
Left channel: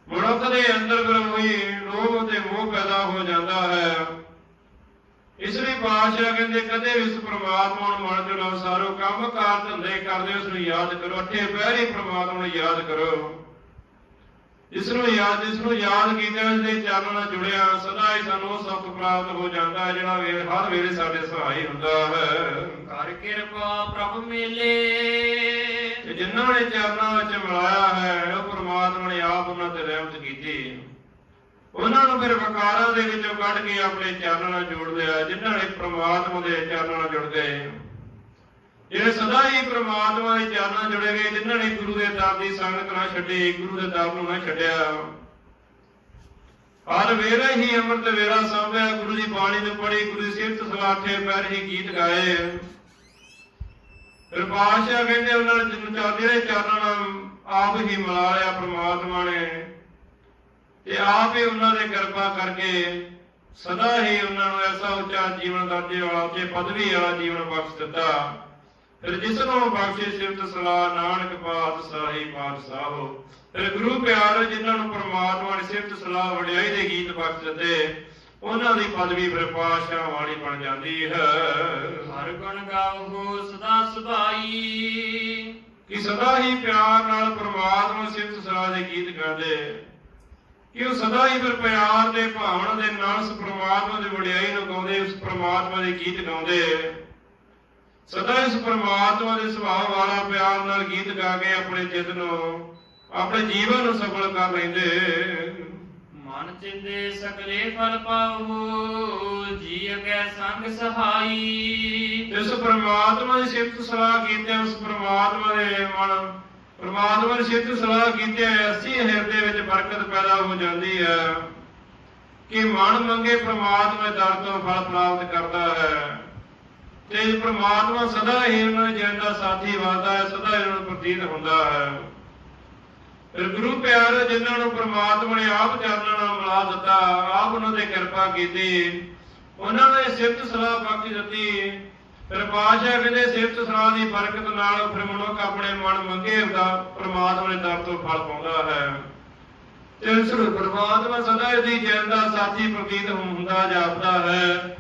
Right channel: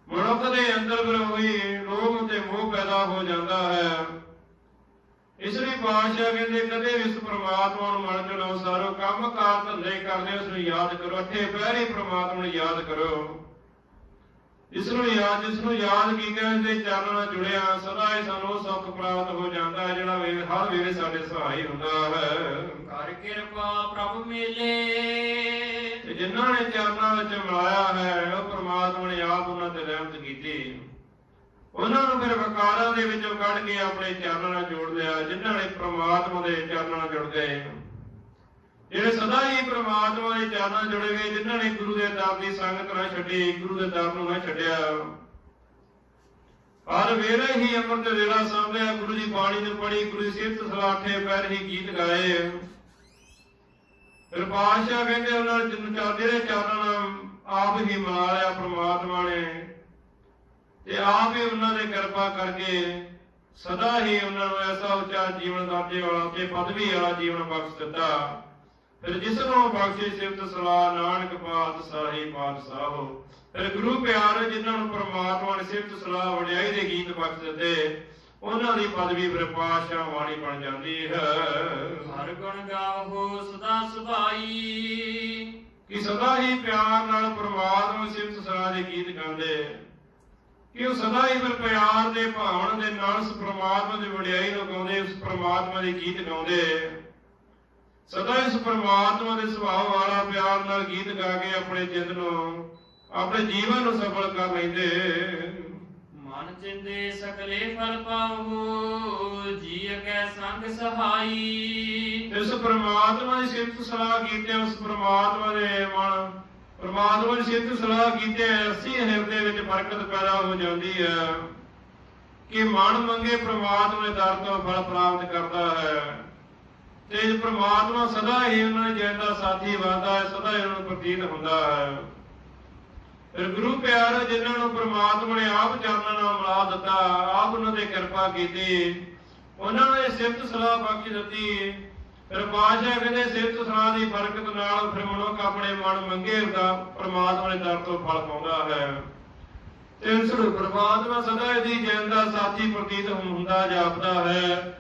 ਮਨੁੱਖ ਦੇ ਅੰਦਰ ਫਿਰ ਉਹੀ ਰੋਗ ਤੇ ਮੋਹ ਪੈਦਾ ਹੋ ਜਾਂਦਾ ਹੈ। ਇਸ ਲਈ ਬਾਦਸ਼ਾਹ ਕਹਿੰਦੇ, ਕਦੇ ਵੀ ਇਸ ਪ੍ਰਮਾਤਮਾ ਨੂੰ ਮਨ ਚ ਸਾਰੋ ਕੰਮ ਕਾਰ ਧੰਦੇ ਕਰਦੇ ਉਸ ਨੂੰ ਯਾਦ ਕਰੋ, ਅੱਠੇ ਪਹਿਰੀ ਪ੍ਰਮਾਤਮਾ ਨੂੰ ਯਾਦ ਕਰੋ। ਇਸ ਨੂੰ ਯਾਦ ਇਸ ਨੂੰ ਯਾਦ ਕੀਤਾ ਦੇ ਚਰਨਾਂ ਨਾਲ ਜੁੜਿਆ ਸਦਾ ਹੀ ਸਾਨੂੰ ਸੁੱਖ ਪ੍ਰਾਪਤ ਹੋ ਜਾਂਦਾ ਹੈ ਜਿਹੜਾ ਵੇਲੇ ਹਰ ਵੇਲੇ ਸਾਡੇ ਸਹਾਈ ਹੁੰਦਾ ਹੈ। ਕਰ ਕਿਰਪਾ ਪ੍ਰਭ ਮੇਲੇ। ਤੇ ਜਿਨ੍ਹਾਂ ਨੇ ਚਰਨਾਂ ਵਿੱਚ ਮਿਲਾਇਆ ਹੈ ਉਹ ਪ੍ਰਮਾਤਮਾ ਨੇ ਆਪ ਉਹਨਾਂ ਤੇ ਰਹਿਮਤ ਕੀਤੀ। ਉਹਨਾਂ ਨੂੰ ਫਿਰ ਵਕਾਰਾਂ ਦੇ ਵਿੱਚੋਂ ਕੱਢ ਕੇ ਆਪਣੇ ਚਰਨਾਂ ਨਾਲ ਜੋੜ ਲਿਆ ਜਿਨ੍ਹਾਂ ਨੇ ਪ੍ਰਮਾਤਮਾ ਦੇ ਚਰਨਾਂ ਨਾਲ ਜੁੜ ਗਏ। ਜਿਹੜੇ ਸਦਾ ਹੀ ਪ੍ਰਮਾਤਮਾ ਦੇ ਚਰਨਾਂ ਜੁੜੇ ਗਏ ਜਿਨ੍ਹਾਂ ਨੇ ਗੁਰੂ ਦੇ ਦਰ ਦੀ ਸੰਗਤ ਨਾ ਛੱਡੀ, ਗੁਰੂ ਦੇ ਦਰ ਨੂੰ ਨਾ ਛੱਡਿਆ। ਹਰ ਵੇਲੇ ਹੀ ਅੰਮ੍ਰਿਤ ਵੇਲਾ ਸਾਂਭਿਆ, ਗੁਰੂ ਦੀ ਬਾਣੀ ਨੂੰ ਪੜ੍ਹੀ, ਗੁਰੂ ਸਿਫਤ ਸਲਾਠੇ ਪੈਰ ਹੀ ਗੀਤ ਗਾਏ। ਫਿਰ ਬਾਦਸ਼ਾਹ ਕਹਿੰਦੇ ਉਹਨਾਂ ਨੇ ਜਿੰਨ ਚੱਲਦੇ ਨੇ ਚਰਨਾਂ ਆਪ ਹੀ ਮਿਲਾ ਲਿਆ ਪ੍ਰਮਾਤਮਾ ਨੇ। ਤੇ ਆਪ ਹੀ ਉਹਨਾਂ ਦੇ ਕਿਰਪਾ ਕਰਕੇ ਸਦਾ ਹੀ ਉਹਨਾਂ ਨੂੰ ਐਸਾ ਉੱਚਾ ਜੀਵਨ ਦਾਤੇ ਵਾਲਾ ਤੇ ਪਦਵੀ ਵਾਲਾ ਜੀਵਨ ਬਖਸ਼ ਦਿੱਤਾ। ਫਿਰ ਜਿਸ ਨੂੰ ਬਖਸ਼ੇ ਸਿਫਤ ਸਲਾਹ ਨਾਨਕ ਪਾਤ ਸਾਹੀ ਪਾਤਸ਼ਾਹੋ ਫਿਰ ਗੁਰੂ ਪਿਆਰ ਜਿਨ੍ਹਾਂ ਨੂੰ ਪ੍ਰਮਾਤਮਾ ਨੇ ਸਿਫਤ ਸਲਾਹ ਵਡਿਆਈ ਦੇ ਗੀਤ ਬਖਸ਼ ਦਿੱਤੇ ਉਹਨਾਂ ਦੀ ਪਦਵੀ ਫਿਰ ਪਾਤਸ਼ਾਹ ਵਾਲੀ ਬਣ ਜਾਂਦੀ ਹੈ। ਹਰ ਗੁਣ ਗਾਵੋ ਸਦਾ ਸਦਾਈ ਕਿ ਸਦਾ ਹੀ ਪਿਆਰ ਨਾਲ ਪ੍ਰਮਾਤਮਾ ਸਿਫਤ ਸਲਾਹ ਦੇ ਗੀਤ ਗਾਉਂਦੇ ਕਿ ਉਹ ਸਦਾ ਹੀ ਫਿਰ ਪਿਆਰ ਦੇ ਭਾਵਨਾ ਦੇ ਨਾਲ ਉਸ ਪ੍ਰਮਾਤਮਾ ਦੀ ਵਡਿਆਈ ਨੂੰ ਗਾਉਂਦੇ ਉਸ ਪ੍ਰਮਾਤਮਾ ਦੇ ਗੀਤ ਗਾਉਂਦੇ। ਸਦਾ ਇਸ ਪ੍ਰਮਾਤਮਾ ਦੇ ਸੁਭਾਅ ਵਾਲਾ ਪਿਆਰ ਨਾਲ ਗੀਤ ਗਾ ਕੇ ਆਪਣੇ ਚਿੱਤ ਨੂੰ ਆਪਣੇ ਜੀਵਨ ਨੂੰ ਸਫਲ ਕਰ ਲੈਂਦੇ। ਮਨ ਚਿੰਦੇ ਸਕਲੇ ਫਲ ਪਾਵੋ ਜੀ ਅਗੈ ਸੰਗ ਸਹਾਈ। ਇਸ ਪ੍ਰਮਾਤਮਾ ਦੀ ਸਿਫਤ ਸਲਾਹ ਕੀਤੇ ਉਸ ਪ੍ਰਮਾਤਮਾ ਦੇ ਮਨ ਪ੍ਰਮਾਤਮਾ ਦੀ ਸਿਫਤ ਸਲਾਹ ਕੀਤੇ ਅਸੀਂ ਹਿਰਦੇ ਵਿੱਚ ਬਰਕਤ ਪੈਦਾ ਹੋ ਜਾਂਦੀ ਹੈ। ਕਿ ਮਨ ਮੰਗੇ ਪ੍ਰਮਾਤਮਾ ਦਰ ਤੋਂ ਫਲ ਪ੍ਰਾਪਤ ਕਰਦਾ ਹੈ। ਤੇ ਪ੍ਰਮਾਤਮਾ ਸਦਾ ਹੀ ਉਹਨਾਂ ਦੇ ਸਾਥੀ ਵਾਦਾ ਹੈ, ਸਦਾ ਹੀ ਨੂੰ ਪ੍ਰਤੀਤ ਹੁੰਦਾ ਹੈ। ਫਿਰ ਗੁਰੂ ਪਿਆਰ ਜਿਨ੍ਹਾਂ ਨੂੰ ਪ੍ਰਮਾਤਮਾ ਨੇ ਆਪ ਚਰਨਾਂ ਮਿਲਾ ਦਿੱਤਾ, ਆਪ ਉਹਨਾਂ ਤੇ ਕਿਰਪਾ ਕੀਤੀ, ਉਹਨਾਂ ਨੇ ਸਿਫਤ ਸਲਾਹ ਬਖਸ਼ ਦਿੱਤੀ। ਫਿਰ ਪਾਸ਼ਾ ਕਹਿੰਦੇ ਸਿਫਤ ਸਲਾਹ ਦੀ ਬਰਕਤ ਨਾਲ ਫਿਰ ਮਨੁੱਖ ਆਪਣੇ ਮਨ ਮੰਗੇ ਦਾ ਪ੍ਰਮਾਤਮਾ ਦੇ ਦਰ ਤੋਂ ਫਲ ਪਾਉਂਦਾ ਹੈ। ਤੇ ਇਸ ਪ੍ਰਮਾਤਮਾ ਸਦਾ ਇਹਦੀ ਜਨ ਦਾ ਸਾਥੀ ਪ੍ਰਤੀਤ ਹੁੰਦਾ, ਜਾਪਦਾ ਹੈ।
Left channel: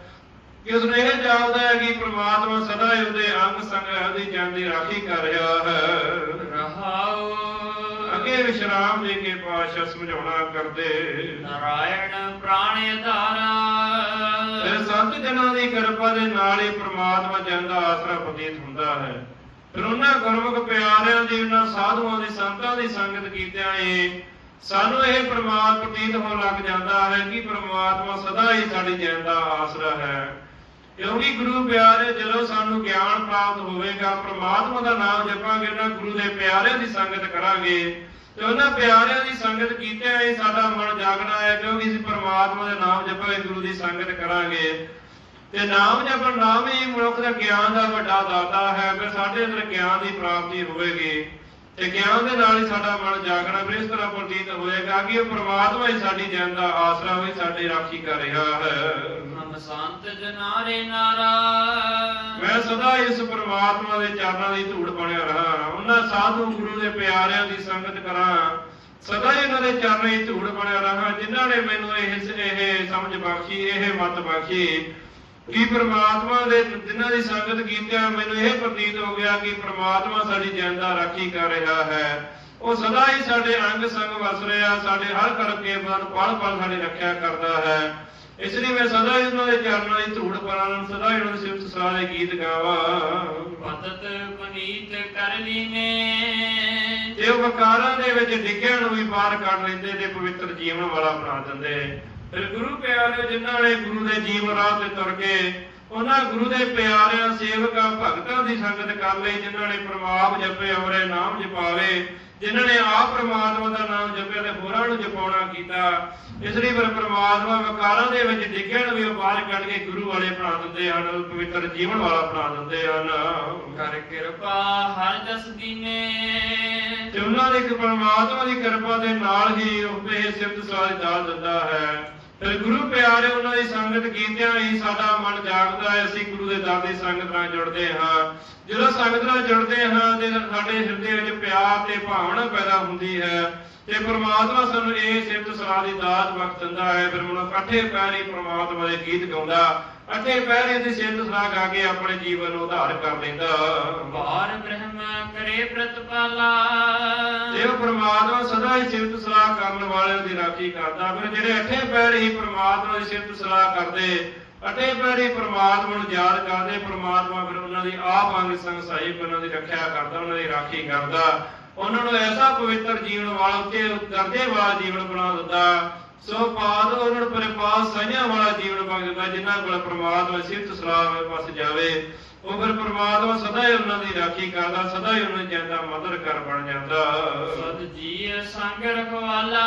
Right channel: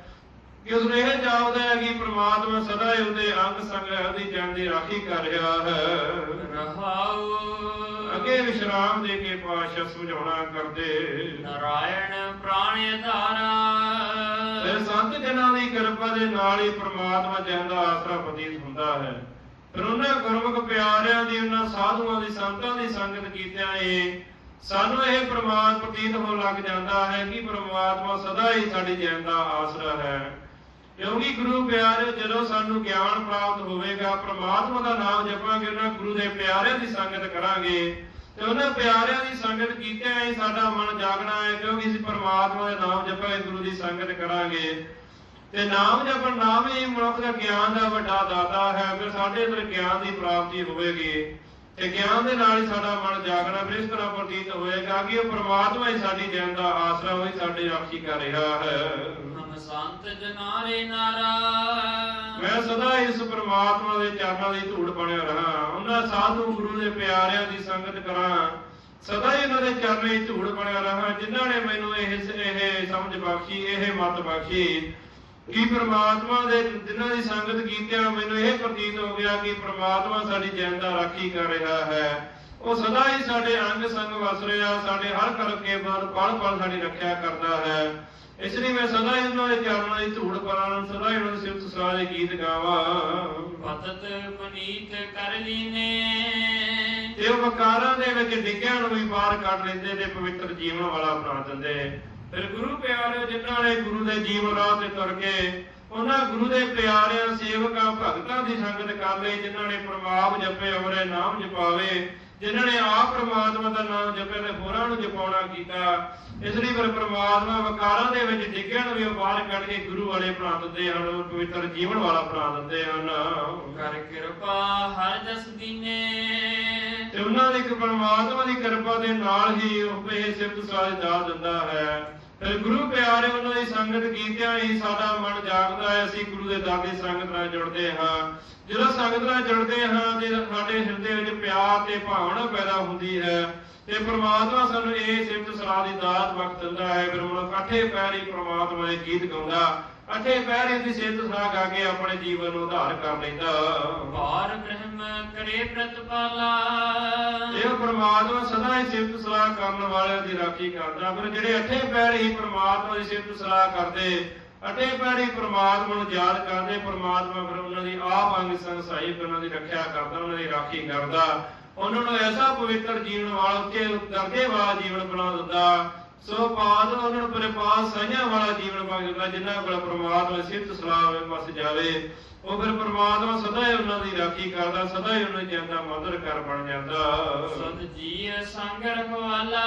ਕਿ ਉਸ ਨੇ ਇਹ ਜਾਪਦਾ ਹੈ ਕਿ ਪ੍ਰਮਾਤਮਾ ਸਦਾ ਹੀ ਉਹਦੇ ਅੰਗ ਸੰਗ ਉਹਦੀ ਜਨ ਦੀ ਰਾਖੀ ਕਰ ਰਿਹਾ ਹੈ। ਰਹਾਉ। ਅੱਗੇ ਵਿਸ਼ਰਾਮ ਦੇ ਕੇ ਪਾਸ਼ਾ ਸਮਝਾਉਣਾ ਕਰਦੇ। ਨਾਰਾਇਣ ਪ੍ਰਾਣ ਆਧਾਰਾ। ਫਿਰ ਸੰਤ ਜਨਾਂ ਦੀ ਕਿਰਪਾ ਦੇ ਨਾਲ ਹੀ ਪ੍ਰਮਾਤਮਾ ਜਨ ਦਾ ਆਸਰਾ ਪ੍ਰਤੀਤ ਹੁੰਦਾ ਹੈ। ਫਿਰ ਉਹਨਾਂ ਗੁਰਮੁਖ ਪਿਆਰਿਆਂ ਦੀ ਉਹਨਾਂ ਸਾਧੂਆਂ ਦੀ ਸੰਤਾਂ ਦੀ ਸੰਗਤ ਕੀਤਿਆਂ ਇਹ ਸਾਨੂੰ ਇਹ ਪ੍ਰਮਾਤਮਾ ਪ੍ਰਤੀਤ ਹੋਣ ਲੱਗ ਜਾਂਦਾ ਹੈ ਕਿ ਪ੍ਰਮਾਤਮਾ ਸਦਾ ਹੀ ਸਾਡੀ ਜਨ ਦਾ ਆਸਰਾ ਹੈ। ਕਿਉਂਕਿ ਗੁਰੂ ਪਿਆਰੇ? ਜਦੋਂ ਸਾਨੂੰ ਗਿਆਨ ਪ੍ਰਾਪਤ ਹੋਵੇਗਾ, ਪ੍ਰਮਾਤਮਾ ਦਾ ਨਾਮ ਜਪਾਂਗੇ, ਉਹਨਾਂ ਗੁਰੂ ਦੇ ਪਿਆਰਿਆਂ ਦੀ ਸੰਗਤ ਕਰਾਂਗੇ। ਤੇ ਉਹਨਾਂ ਪਿਆਰਿਆਂ ਦੀ ਸੰਗਤ ਕੀਤੇ ਹੀ ਸਾਡਾ ਮਨ ਜਾਗਣਾ ਹੈ ਕਿਉਂਕਿ ਅਸੀਂ ਪ੍ਰਮਾਤਮਾ ਦਾ ਨਾਮ ਜਪਾਂਗੇ, ਗੁਰੂ ਦੀ ਸੰਗਤ ਕਰਾਂਗੇ। ਤੇ ਨਾਮ ਜਪਣ ਨਾਮ ਹੀ ਮਨੁੱਖ ਦਾ ਗਿਆਨ ਦਾ ਵੱਡਾ ਦਾਤਾ ਹੈ, ਅਗਰ ਸਾਡੇ ਅੰਦਰ ਗਿਆਨ ਦੀ ਪ੍ਰਾਪਤੀ ਹੋਵੇਗੀ, ਤੇ ਗਿਆਨ ਦੇ ਨਾਲ ਹੀ ਸਾਡਾ ਮਨ ਜਾਗਣਾ, ਫਿਰ ਇਸ ਤਰ੍ਹਾਂ ਪ੍ਰਤੀਤ ਹੋਏਗਾ ਕਿ ਉਹ ਪ੍ਰਮਾਤਮਾ ਹੀ ਸਾਡੀ ਜਨ ਦਾ ਆਸਰਾ ਹੋਈ ਸਾਡੀ ਰਾਖੀ ਕਰ ਰਿਹਾ ਹੈ। ਸੰਤ ਜਨਾਰੇ ਨਾਰਾ ਮੈਂ ਸਦਾ ਇਸ ਪ੍ਰਮਾਤਮਾ ਦੇ ਚਰਨਾਂ ਦੀ ਧੂੜ ਬਣਿਆ ਰਹਾ। ਉਹਨਾਂ ਸਾਧੂ ਗੁਰੂ ਦੇ ਪਿਆਰਿਆਂ ਦੀ ਸੰਗਤ ਕਰਾਂ। ਸਦਾ ਹੀ ਦੇ ਚਰਨਾਂ ਦੀ ਧੂੜ ਬਣਿਆ ਰਹਾ। ਜਿਨ੍ਹਾਂ ਨੇ ਮੈਨੂੰ ਇਹ ਇਹ ਸਮਝ ਬਖਸ਼ੀ, ਇਹ ਮਤ ਬਖਸ਼ੀ ਕਿ ਪ੍ਰਮਾਤਮਾ ਦੇ ਜਿਨ੍ਹਾਂ ਦੀ ਸੰਗਤ ਕੀਤਿਆਂ ਮੈਨੂੰ ਇਹ ਪ੍ਰਤੀਤ ਹੋ ਗਿਆ ਕਿ ਪ੍ਰਮਾਤਮਾ ਸਾਡੀ ਜਨ ਰਾਖੀ ਕਰ ਰਿਹਾ ਹੈ। ਉਹ ਸਦਾ ਹੀ ਸਾਡੇ ਅੰਗ ਸੰਗ ਵਸ ਰਿਹਾ। ਸਾਡੇ ਹਰ ਕਰਕੇ ਮਨ ਪਲ ਪਲ ਸਾਡੀ ਰੱਖਿਆ ਕਰਦਾ ਹੈ। ਇਸ ਲਈ ਮੈਂ ਸਦਾ ਹੀ ਉਹਨਾਂ ਦੇ ਚਰਨਾਂ ਦੀ ਧੂੜ ਪਾਣ ਸਦਾ ਹੀ ਉਹਨਾਂ ਦੀ ਸਿਫਤ ਦੇ ਗੀਤ ਗਾਵਾਂ। ਪਤਤ ਪੁਨੀਤ ਕਰ ਲੀਨੇ। ਤੇ ਵਕਾਰਾਂ ਦੇ ਵਿੱਚ ਡਿੱਗਿਆਂ ਨੂੰ ਵੀ ਬਾਹਰ ਕੱਢ ਲੈਂਦੇ ਤੇ ਪਵਿੱਤਰ ਜੀਵਨ ਵਾਲਾ ਬਣਾ ਦਿੰਦੇ। ਫਿਰ ਗੁਰੂ ਪਿਆਰੇ ਜਿਨ੍ਹਾਂ ਨੇ ਗੁਰੂ ਦੇ ਜੀਵਨ ਰਾਹ ਤੇ ਤੁਰ ਕੇ ਉਹਨਾਂ ਗੁਰੂ ਦੇ ਪਿਆਰਿਆਂ ਸੇਵਕਾਂ ਭਗਤਾਂ ਦੀ ਸੰਗਤ ਕਰ ਲਈ ਜਿਨ੍ਹਾਂ ਨੇ ਪ੍ਰਮਾਪ ਜਪੇ ਔਰੇ ਨਾਮ ਜਪਾਵੇ ਜਿਨ੍ਹਾਂ ਨੇ ਆਪ ਪ੍ਰਮਾਤਮਾ ਦਾ ਨਾਮ ਜਪੇ ਤੇ ਹੋਰਾਂ ਨੂੰ ਜਪਾਉਣਾ ਕੀਤਾ ਇਸ ਲਈ ਫਿਰ ਪ੍ਰਮਾਤਮਾ ਵਕਾਰਾਂ ਦੇ ਵਿੱਚ ਡਿੱਗਿਆਂ ਨੂੰ ਵੀ ਬਾਹਰ ਕੱਢ ਕੇ ਗੁਰੂ ਵਾਲੇ ਬਣਾ ਦਿੰਦੇ ਹਨ ਪਵਿੱਤਰ ਜੀਵਨ ਵਾਲਾ ਬਣਾ ਦਿੰਦੇ ਹਨ। ਕਰ ਕਿਰਪਾ ਹਰ ਜਸ ਦੀਨੇ। ਤੇ ਉਹਨਾਂ ਦੀ ਪਰਮਾਤਮਾ ਦੀ ਕਿਰਪਾ ਦੇ ਨਾਲ ਹੀ ਉਹ ਇਹ ਸਿਫਤ ਸਲਾਹ ਦਾਲ ਦਿੰਦਾ ਹੈ। ਗੁਰੂ ਪਿਆਰੇ, ਉਹਨਾਂ ਦੀ ਸੰਗਤ ਕੀਤਿਆਂ ਹੀ ਸਾਡਾ ਮਨ ਜਾਗਦਾ ਹੈ। ਅਸੀਂ ਗੁਰੂ ਦੇ ਦਰ ਦੀ ਸੰਗਤ ਨਾਲ ਜੁੜਦੇ ਹਾਂ। ਜਦੋਂ ਸੰਗਤ ਨਾਲ ਜੁੜਦੇ ਹਾਂ, ਤੇ ਸਾਡੇ ਹਿਰਦੇ ਵਿੱਚ ਪਿਆਰ ਤੇ ਭਾਵਨਾ ਪੈਦਾ ਹੁੰਦੀ ਹੈ। ਤੇ ਪ੍ਰਮਾਤਮਾ ਸਾਨੂੰ ਇਹ ਸਿਫਤ ਸਲਾਹ ਦੀ ਦਾਤ ਬਖਸ਼ ਦਿੰਦਾ ਹੈ। ਫਿਰ ਮਨੁੱਖ ਇਕੱਠੇ ਪੈਰੀ ਪ੍ਰਮਾਤਮਾ ਦੇ ਗੀਤ ਗਾਉਂਦਾ ਇਕੱਠੇ ਪੈਰੀ ਦੀ ਸਿਫਤ ਸਲਾਹ ਗਾ ਕੇ ਆਪਣੇ ਜੀਵਨ ਨੂੰ ਉਧਾਰ ਕਰ ਲੈਂਦਾ। ਵਾਰ ਬ੍ਰਹਮ ਕਰੇ ਪ੍ਰਤਪਾਲਾ। ਉਹ ਪ੍ਰਮਾਤਮਾ ਸਦਾ ਹੀ ਸਿਫਤ ਸਲਾਹ ਕਰਨ ਵਾਲਿਆਂ ਦੀ ਰਾਖੀ ਕਰਦਾ। ਫਿਰ ਜਿਹੜੇ ਅੱਠੇ ਪੈਰ ਹੀ ਪ੍ਰਮਾਤਮਾ ਦੀ ਸਿਫਤ ਸਲਾਹ ਕਰਦੇ ਅੱਠੇ ਪੈਰ ਹੀ ਪ੍ਰਮਾਤਮਾ ਨੂੰ ਯਾਦ ਕਰਦੇ ਪ੍ਰਮਾਤਮਾ ਫਿਰ ਉਹਨਾਂ ਦੀ ਆਪ ਅੰਗ ਸੰਗ ਸਹਾਇਕ ਉਹਨਾਂ ਦੀ ਰੱਖਿਆ ਕਰਦਾ ਉਹਨਾਂ ਦੀ ਰਾਖੀ ਕਰਦਾ। ਉਹਨਾਂ ਨੂੰ ਐਸਾ ਪਵਿੱਤਰ ਜੀਵਨ ਵਾਲਾ ਉੱਤੇ ਦਰਜੇ ਵਾਲਾ ਜੀਵਨ ਬਣਾ ਦਿੰਦਾ। ਸੋ ਪਾਦ ਉਹਨਾਂ ਨੂੰ ਪਰਿਪਾਲ ਸਈਆਂ ਵਾਲਾ ਜੀਵਨ ਬਣਾ ਦਿੰਦਾ ਜਿਨ੍ਹਾਂ ਕੋਲ ਪ੍ਰਮਾਤਮਾ ਸਿਫਤ ਸਲਾਹ ਦੇ ਪਾਸ ਜਾਵੇ। ਉਹ ਫਿਰ ਪ੍ਰਮਾਤਮਾ ਸਦਾ ਹੀ ਉਹਨਾਂ ਦੀ ਰਾਖੀ ਕਰਦਾ ਸਦਾ ਹੀ ਉਹਨਾਂ ਦੀ ਜਾਂਦਾ ਮਦਰ ਕਰ ਬਣ ਜਾਂਦਾ। ਸਦ ਜੀ ਸੰਗ ਰਖਵਾਲਾ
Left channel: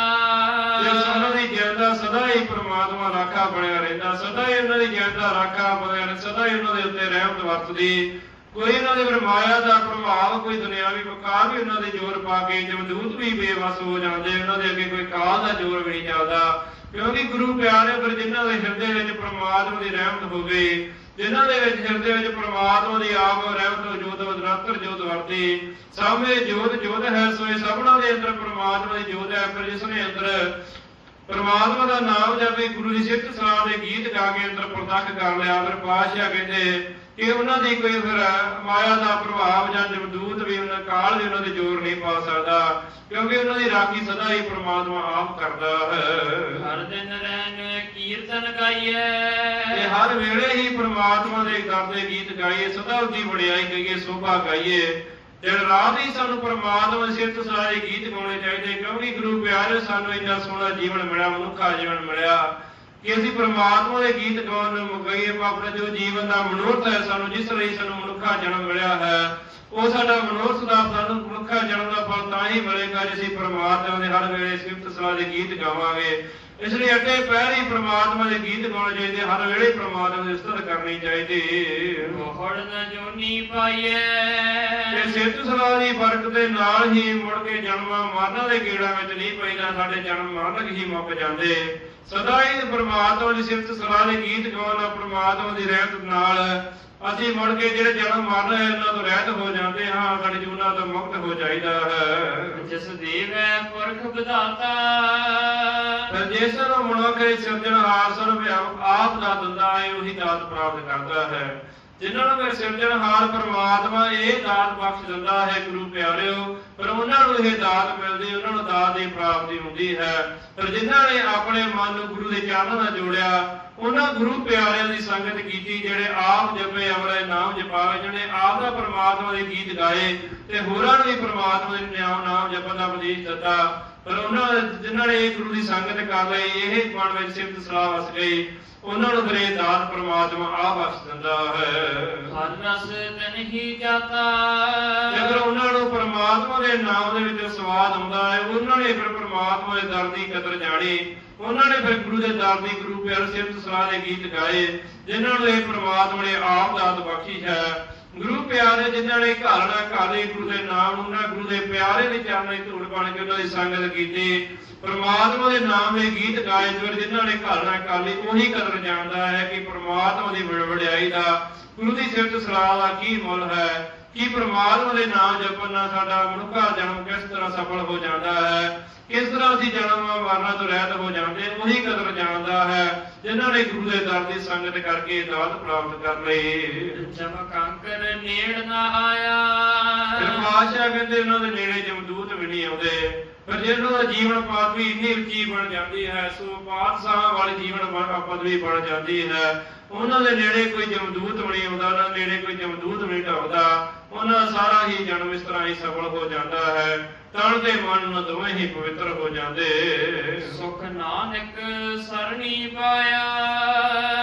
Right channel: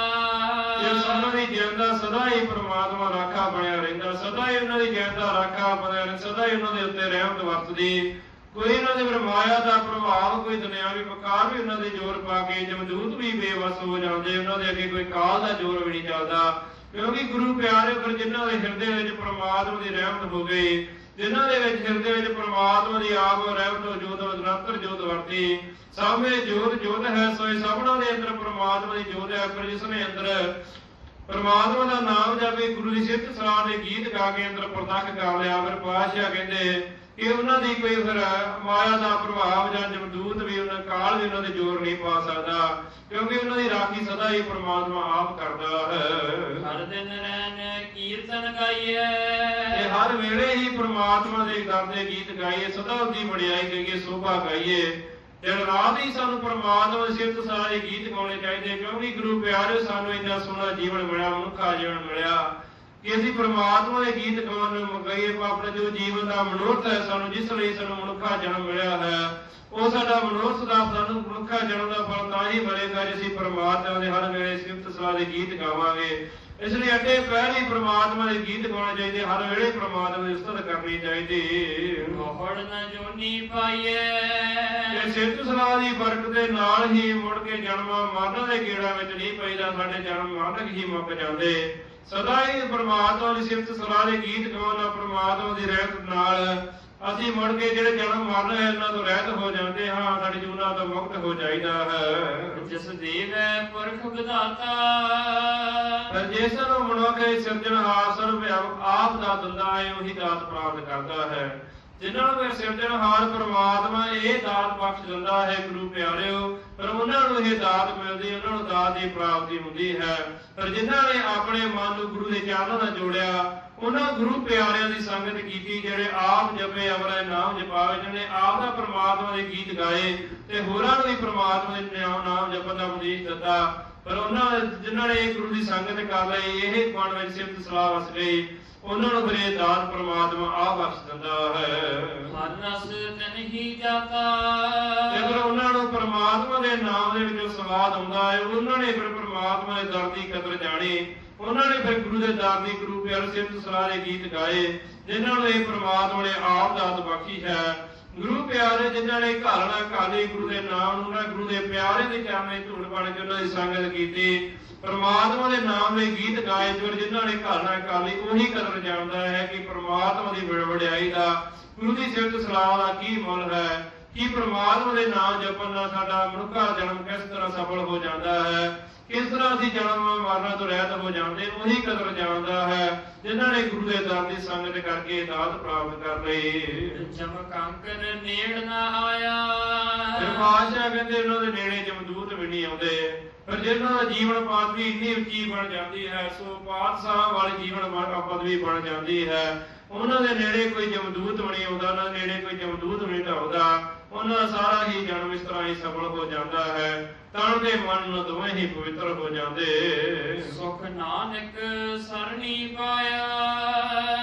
ਤੇ ਉਹਨਾਂ ਦੀ ਜਿੰਦਾ ਸਦਾ ਹੀ ਪ੍ਰਮਾਤਮਾ ਰਾਖਾ ਬਣਿਆ ਰਹਿੰਦਾ। ਸਦਾ ਹੀ ਉਹਨਾਂ ਦੀ ਜਿੰਦਾ ਰਾਖਾ ਬਣਿਆ ਸਦਾ ਹੀ ਉਹਨਾਂ ਦੇ ਉੱਤੇ ਰਹਿਮਤ ਵਰਤਦੀ। ਕੋਈ ਇਹਨਾਂ ਦੇ ਫਿਰ ਦਾ ਪ੍ਰਭਾਵ, ਕੋਈ ਦੁਨਿਆਵੀ ਵਕਾਰ ਵੀ ਉਹਨਾਂ ਦੇ ਜ਼ੋਰ ਪਾ ਕੇ ਜਮਦੂਤ ਵੀ ਬੇਵਸ ਹੋ ਜਾਂਦੇ, ਉਹਨਾਂ ਦੇ ਅੱਗੇ ਕੋਈ ਕਾਲ ਦਾ ਜ਼ੋਰ ਵੀ ਨਹੀਂ ਚੱਲਦਾ। ਕਿਉਂਕਿ ਗੁਰੂ ਪਿਆਰੇ, ਪਰ ਜਿਨ੍ਹਾਂ ਦੇ ਹਿਰਦੇ ਵਿੱਚ ਪ੍ਰਮਾਤਮਾ ਦੀ ਰਹਿਮਤ ਹੋਵੇ, ਜਿਨ੍ਹਾਂ ਦੇ ਵਿੱਚ ਹਿਰਦੇ ਵਿੱਚ ਪ੍ਰਮਾਤਮਾ ਦੀ ਆਪ ਰਹਿਮਤ ਜੋਤ ਨਿਰੰਤਰ ਜੋਤ ਵਰਤੀ, ਸਾਹਮਣੇ ਜੋਤ ਜੋਤ ਹੈ ਸੋਏ ਸਭਨਾਂ ਦੇ ਅੰਦਰ ਪ੍ਰਮਾਤਮਾ ਦੀ ਜੋਤ ਹੈ, ਪਰ ਜਿਸ ਨੇ ਅੰਦਰ ਪਰਮਾਤਮਾ ਦਾ ਨਾਮ ਜਪੇ, ਗੁਰੂ ਦੀ ਸਿੱਧ ਸਲਾਹ ਦੇ ਗੀਤ ਗਾ ਕੇ ਅੰਦਰ ਪ੍ਰਤੱਖ ਕਰ ਲਿਆ ਫਿਰ ਪਾਤਸ਼ਾਹ ਕਹਿੰਦੇ ਕਿ ਉਹਨਾਂ ਦੀ ਕੋਈ ਫਿਰ ਮਾਇਆ ਦਾ ਪ੍ਰਭਾਵ ਜਾਂ ਜਮਦੂਤ ਵੀ ਉਹਨਾਂ ਕਾਲ ਵੀ ਉਹਨਾਂ ਦੇ ਜ਼ੋਰ ਨਹੀਂ ਪਾ ਸਕਦਾ ਕਿਉਂਕਿ ਉਹਨਾਂ ਦੀ ਰਾਖੀ ਸਦਾ ਹੀ ਪ੍ਰਮਾਤਮਾ ਆਪ ਕਰਦਾ ਹਰ ਹੈ ਦਿਨ ਰਹਿਣ ਕੀਰਤਨ ਤੇ ਗਾਈਏ ਹਰ ਵੇਲੇ ਹੀ ਪ੍ਰਮਾਤਮਾ ਦੇ ਦਰ ਦੇ ਗੀਤ ਗਾਈਏ ਸਦਾ ਉਹਦੀ ਵਡਿਆਈ ਕਰੀਏ ਸੋਭਾ ਗਾਈਏ। ਦਿਨ ਰਾਤ ਹੀ ਸਾਨੂੰ ਪ੍ਰਮਾਤਮਾ ਦੇ ਸਿਫਤ ਸਾਰੇ ਗੀਤ ਗਾਉਣੇ ਚਾਹੀਦੇ ਕਿਉਂਕਿ ਗੁਰੂ ਪਿਆਰੇ ਸਾਨੂੰ ਇੰਨਾ ਸੋਹਣਾ ਜੀਵਨ ਮਿਲਿਆ ਮਨੁੱਖਾ ਜੀਵਨ ਮਿਲਿਆ। ਕਿ ਅਸੀਂ ਪ੍ਰਮਾਤਮਾ ਦੇ ਗੀਤ ਗਾਉਣ ਨੂੰ ਮਗਾਈਏ ਆਪਣੇ ਜੋ ਜੀਵਨ ਦਾ ਮਨੋਰਥ ਹੈ ਸਾਨੂੰ ਜਿਸ ਲਈ ਸਾਨੂੰ ਮਨੁੱਖਾ ਜਨਮ ਮਿਲਿਆ ਹੈ ਉਹ ਸਾਡਾ ਮਨੋਰਥ ਦਾ ਸਾਨੂੰ ਮਨੁੱਖਾ ਜਨਮ ਦਾ ਫਲ ਤਾਂ ਹੀ ਮਿਲੇਗਾ ਜੇ ਅਸੀਂ ਪ੍ਰਮਾਤਮਾ ਦੇ ਹਰ ਵੇਲੇ ਸਿਫਤ ਸਲਾਹ ਦੇ ਗੀਤ ਗਾਵਾਂਗੇ। ਇਸ ਲਈ ਅੱਡੇ ਪੈਰ ਹੀ ਪ੍ਰਮਾਤਮਾ ਦੇ ਗੀਤ ਗਾਉਣੇ ਚਾਹੀਦੇ ਹਰ ਵੇਲੇ ਪ੍ਰਮਾਤਮਾ ਦੀ ਉਸਤਤ ਕਰਨੀ ਚਾਹੀਦੀ। ਮੋਹੜ ਨ ਜੋਨੀ ਪਾਈਏ। ਤੇ ਸਿਫਤ ਸਲਾਹ ਦੀ ਬਰਕਤ ਦੇ ਨਾਲ ਹੀ ਮੁੜ ਕੇ ਜਨਮਾਂ ਮਰਨਾਂ ਦੇ ਗੇੜਾਂ ਵਿੱਚ ਨਹੀਂ ਪਈਦਾ ਸਾਡੇ ਜਨਮ ਮਰਨ ਹੀ ਮੁੱਕ ਜਾਂਦੇ। ਸਦਾ ਹੀ ਪ੍ਰਮਾਤਮਾ ਦੀ ਸਿਫਤ ਸਲਾਹ ਦੇ ਗੀਤ ਗਾਉਣ ਪ੍ਰਮਾਤਮਾ ਦੀ ਰਹਿਮਤ ਨਾਲ ਅਸੀਂ ਮੁੜ ਕੇ ਜਿਹੜੇ ਜਨਮ ਮਰਨ ਹੈ ਇਹਨਾਂ ਤੋਂ ਰਹਿਤ ਹੋ ਜਾਂਦੇ ਹਾਂ ਸਾਡੇ ਜੂਨਾਂ ਤੋਂ ਮੁਕਤ ਹੋ ਜਾਈਦਾ ਹੈ। ਜਿਸ ਦੇਵੈ ਪੁਰਖ ਵਿਧਾਤਾ। ਪਰ ਜਿਸ ਨੂੰ ਮਨੁੱਖ ਸਿਰਜਣਹਾਰ ਸਰਵ ਆਪ ਦਾ ਦਿੰਦਾ ਹੈ ਉਹੀ ਦਾਤ ਪ੍ਰਾਪਤ ਕਰਦਾ ਹੈ। ਜਿਨ੍ਹਾਂ ਨੂੰ ਸਿਰਜਣਹਾਰ ਪ੍ਰਮਾਤਮਾ ਇਹ ਦਾਤ ਬਖਸ਼ ਦਿੰਦਾ ਹੈ, ਗੁਰੂ ਪਿਆਰਿਓ, ਪਰ ਉਹਨਾਂ ਨੂੰ ਇਹ ਦਾਤ ਮਿਲਦੀ, ਉਹਨਾਂ ਨੂੰ ਦਾਤ ਦੀ ਪ੍ਰਾਪਤੀ ਹੁੰਦੀ ਹੈ। ਪਰ ਜਿਨ੍ਹਾਂ ਨੇ ਆਪਣੇ ਮਨ ਨੂੰ ਗੁਰੂ ਦੇ ਚਰਨਾਂ ਨਾਲ ਜੋੜਿਆ, ਉਹਨਾਂ ਗੁਰੂ ਪਿਆਰਿਆਂ ਦੀ ਸੰਗਤ ਕੀਤੀ, ਜਿਹੜੇ ਆਪ ਜਪੇ ਅਮਰੇ ਨਾਮ ਜਪਾਵੇ ਜਿਹਨੇ ਆਪ ਦਾ ਪ੍ਰਮਾਤਮਾ ਦੇ ਗੀਤ ਗਾਏ, ਤੇ ਹੋਰਾਂ ਨੂੰ ਵੀ ਪ੍ਰਮਾਤਮਾ ਦੇ ਨਾਮ ਨਾਮ ਜਪਣ ਦਾ ਉਪਦੇਸ਼ ਦਿੱਤਾ। ਪਰ ਉਹਨਾਂ ਜਿਨ੍ਹਾਂ ਨੇ ਇਹ ਗੁਰੂ ਦੀ ਸੰਗਤ ਕਰ ਲਈ, ਇਹ ਮਨ ਵਿੱਚ ਸਿਫਤ ਸਲਾਹ ਵਸ ਗਈ। ਉਹਨਾਂ ਨੂੰ ਇਹ ਦਾਤ ਪ੍ਰਮਾਤਮਾ ਆ ਬਖਸ਼ ਦਿੰਦਾ ਹੈ। ਹਰ ਰਸ ਤਨ ਹੀ ਜਾਤਾ। ਜਦੋਂ ਉਹਨਾਂ ਨੂੰ ਪ੍ਰਮਾਤਮਾ ਦੇ ਨਾਮ ਦੇ ਵਿੱਚ ਸਵਾਦ ਆਉਂਦਾ ਹੈ ਉਹਨਾਂ ਨੇ ਫਿਰ ਪ੍ਰਮਾਤਮਾ ਦੇ ਦਰ ਦੀ ਕਦਰ ਜਾਣੀ। ਉਹਨਾਂ ਨੇ ਫਿਰ ਗੁਰੂ ਦੇ ਦਰ ਦੀ ਗੁਰੂ ਪਿਆਰ ਸਿਫਤ ਦੇ ਗੀਤ ਗਾਏ ਜਿਨ੍ਹਾਂ ਨੂੰ ਇਹ ਪ੍ਰਮਾਤਮਾ ਨੇ ਆਪ ਦਾਤ ਬਖਸ਼ੀ ਹੈ। ਗੁਰੂ ਪਿਆਰੇ ਜਿਨ੍ਹਾਂ ਨੇ ਘਾਲਣਾ ਕਾਲੇ ਗੁਰੂ ਦੇ ਨਾਮ ਉਹਨਾਂ ਗੁਰੂ ਦੇ ਪਿਆਰੇ ਦੇ ਚਰਨਾਂ ਦੀ ਧੂੜ ਬਣ ਕੇ ਉਹਨਾਂ ਦੀ ਸੰਗਤ ਕੀਤੀ। ਪ੍ਰਮਾਤਮਾ ਦੇ ਨਾਮ ਦੇ ਗੀਤ ਗਾਏ, ਫਿਰ ਜਿਨ੍ਹਾਂ ਨੇ ਘਾਲਣਾ ਘਾਲੇ ਉਹੀ ਕਦਰ ਜਾਣਦਾ ਹੈ ਕਿ ਪ੍ਰਮਾਤਮਾ ਦੀ ਵਡ- ਵਡਿਆਈ ਦਾ, ਗੁਰੂ ਦੀ ਸਿਫਤ ਸਲਾਹ ਦਾ ਕੀ ਮੁੱਲ ਹੈ? ਕਿ ਪ੍ਰਮਾਤਮਾ ਦੇ ਨਾਮ ਜਪਣ ਨਾਲ ਸਾਡਾ ਮਨੁੱਖਾ ਜਨਮ ਕਿਸ ਤਰ੍ਹਾਂ ਸਫਲ ਹੋ ਜਾਂਦਾ ਹੈ? ਕਿਸ ਤਰ੍ਹਾਂ ਅਸੀਂ ਜਨਮ ਮਰਨਾ ਤੋਂ ਰਹਿਤ ਹੋ ਜਾਂਦੇ ਉਹੀ ਕਦਰ ਜਾਣ ਜਿਨ੍ਹਾਂ ਨੇ ਗੁਰੂ ਦੇ ਦਰ ਦੀ ਸੰਗਤ ਕਰਕੇ ਦਾਤ ਪ੍ਰਾਪਤ ਕਰ ਲਈ ਜਮ ਕੰਕਰ ਨੇੜ ਨਾ ਆਇਆ। ਪਾਸ਼ਾ ਕਹਿੰਦੇ ਉਹਨਾਂ ਦੇ ਨੇੜੇ ਜਮਦੂਤ ਵੀ ਨਹੀਂ ਆਉਂਦੇ। ਪਰ ਜਿਹਨਾਂ ਦਾ ਜੀਵਨ ਪਾਤ ਵੀ ਇੰਨੀ ਉੱਚੀ ਬਣ ਜਾਂਦੀ ਹੈ ਸੋ ਪਾਤਸ਼ਾਹਾਂ ਵਾਲੀ ਜੀਵਨ ਪਦਵੀ ਬਣ ਜਾਂਦੀ ਹੈ। ਉਹਨਾਂ ਦੇ ਨੇੜੇ ਕੋਈ ਜਮਦੂਤ ਵੀ ਨਹੀਂ ਆਉਂਦਾ ਉਹਨਾਂ ਨੇੜੇ ਕੋਈ ਜਮਦੂਤ ਵੀ ਨਹੀਂ ਢਾਉਂਦਾ ਉਹਨਾਂ ਸਾਰਾ ਹੀ ਜਨਮ ਇਸ ਤਰ੍ਹਾਂ ਹੀ ਸਫਲ ਹੋ ਜਾਂਦਾ ਹੈ। ਤਨ ਤੇ ਮਨ ਨੂੰ ਦੋਵੇਂ ਹੀ ਪਵਿੱਤਰ ਹੋ ਜਾਂਦੇ। ਸੁਖ ਨਾਨਕ ਸਰਣੀ ਪਾਇਆ।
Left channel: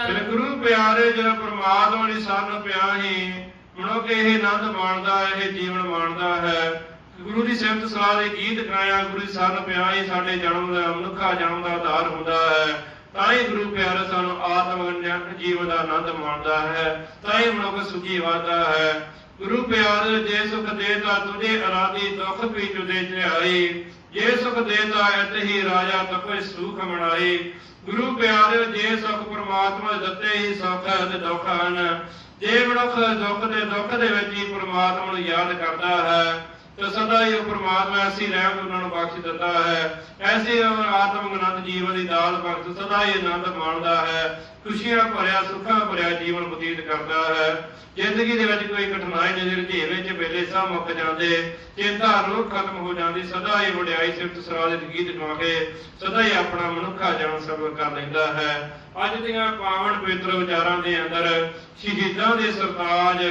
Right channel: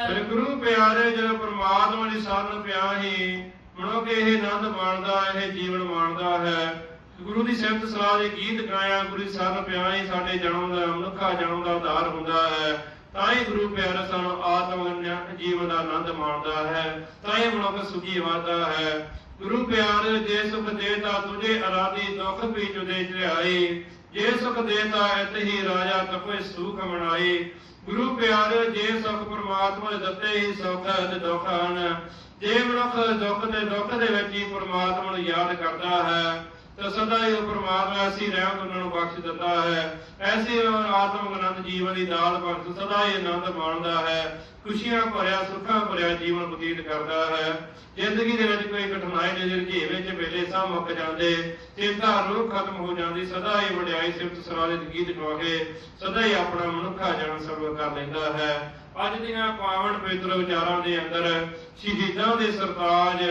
ਫਿਰ ਗੁਰੂ ਪਿਆਰੇ ਜਦੋਂ ਪ੍ਰਮਾਤਮਾ ਦੀ ਸ਼ਰਨ ਪਿਆ ਹੀ ਮਨੁੱਖ ਇਹ ਆਨੰਦ ਮਾਣਦਾ ਇਹ ਜੀਵਨ ਮਾਣਦਾ ਹੈ। ਗੁਰੂ ਦੀ ਸਿਫਤ ਸਲਾਹ ਦੇ ਗੀਤ ਗਾਇਆ ਗੁਰੂ ਦੀ ਸ਼ਰਨ ਪਿਆ ਹੀ ਸਾਡੇ ਜਨਮ ਦਾ ਮਨੁੱਖਾ ਜਨਮ ਦਾ ਉਧਾਰ ਹੁੰਦਾ ਹੈ। ਤਾਂ ਹੀ ਗੁਰੂ ਪਿਆਰਾ ਸਾਨੂੰ ਆਤਮ ਜੀਵਨ ਦਾ ਆਨੰਦ ਮਾਣਦਾ ਹੈ ਤਾਂ ਹੀ ਮਨੁੱਖ ਸੁਖੀ ਵਾਦਾ ਹੈ। ਗੁਰੂ ਪਿਆਰੇ ਜੇ ਸੁਖ ਦੇਤਾ ਤੁਝੇ ਅਰਾਦੀ ਦੁਖ ਵੀ ਜੁਦੇ ਚੜਾਈ ਜੇ ਸੁਖ ਦੇਤਾ ਇਤ ਹੀ ਰਾਜਾ ਤਪੇ ਸੁਖ ਮਨਾਈ ਗੁਰੂ ਪਿਆਰ ਜੇ ਸੁਖ ਪ੍ਰਮਾਤਮਾ ਦੇ ਦਿੱਤੇ ਹੀ ਸੁਖ ਤੇ ਦੁੱਖ ਹਨ। ਜੇ ਮਨੁੱਖ ਦੁੱਖ ਦੇ ਦੁੱਖ ਦੇ ਵਿੱਚ ਹੀ ਪ੍ਰਮਾਤਮਾ ਨੂੰ ਯਾਦ ਕਰਦਾ ਹੈ ਤਾਂ ਸਦਾ ਹੀ ਪ੍ਰਮਾਤਮਾ ਐਸੀ ਰਹਿਮਤ ਉਹਨਾਂ ਨੂੰ ਬਖਸ਼ ਦਿੰਦਾ ਹੈ। ਐਸੀ ਉਹ ਆਤਮਿਕ ਜੀਵਨ ਦੀ ਦਾਲ ਬਖਸ਼ ਸਦਾ ਹੀ ਆਨੰਦ ਮਾਣਦਾ ਹੈ। ਖੁਸ਼ੀਆਂ ਭਰਿਆ, ਸੁੱਖਾਂ ਭਰਿਆ ਜੀਵਨ ਬਤੀਤ ਕਰਦਾ ਹੈ। ਜ਼ਿੰਦਗੀ ਦੇ ਵਿੱਚ ਕੋਈ ਕਠਿਨਾਈ ਨਜ਼ਰ ਝੇਵੇਂ ਚ ਵੇਲੇ ਸਭ ਮੁੱਕ ਜਾਂਦੇ। ਚਿੰਤਾ ਰੋਗ ਖਤਮ ਹੋ ਜਾਂਦੀ, ਸਦਾ ਹੀ ਵਡਿਆਈ ਸਿਫਤ ਸਰਾਲਿਤ ਗੀਤ ਗਾ ਕੇ ਸਦਾ ਹੀ ਆਪਣਾ ਮਨੁੱਖਾ ਜਨਮ ਸਫਲ ਕਰ ਲੈਂਦਾ ਹੈ। ਅੱਜ ਦੀਆਂ ਪਾਵਨ ਪਵਿੱਤਰ ਵਿਚਾਰਾਂ ਦੇ ਅੰਦਰ ਸ਼ਹੀਦਾਂ ਦੇ ਸਰਤਾਜ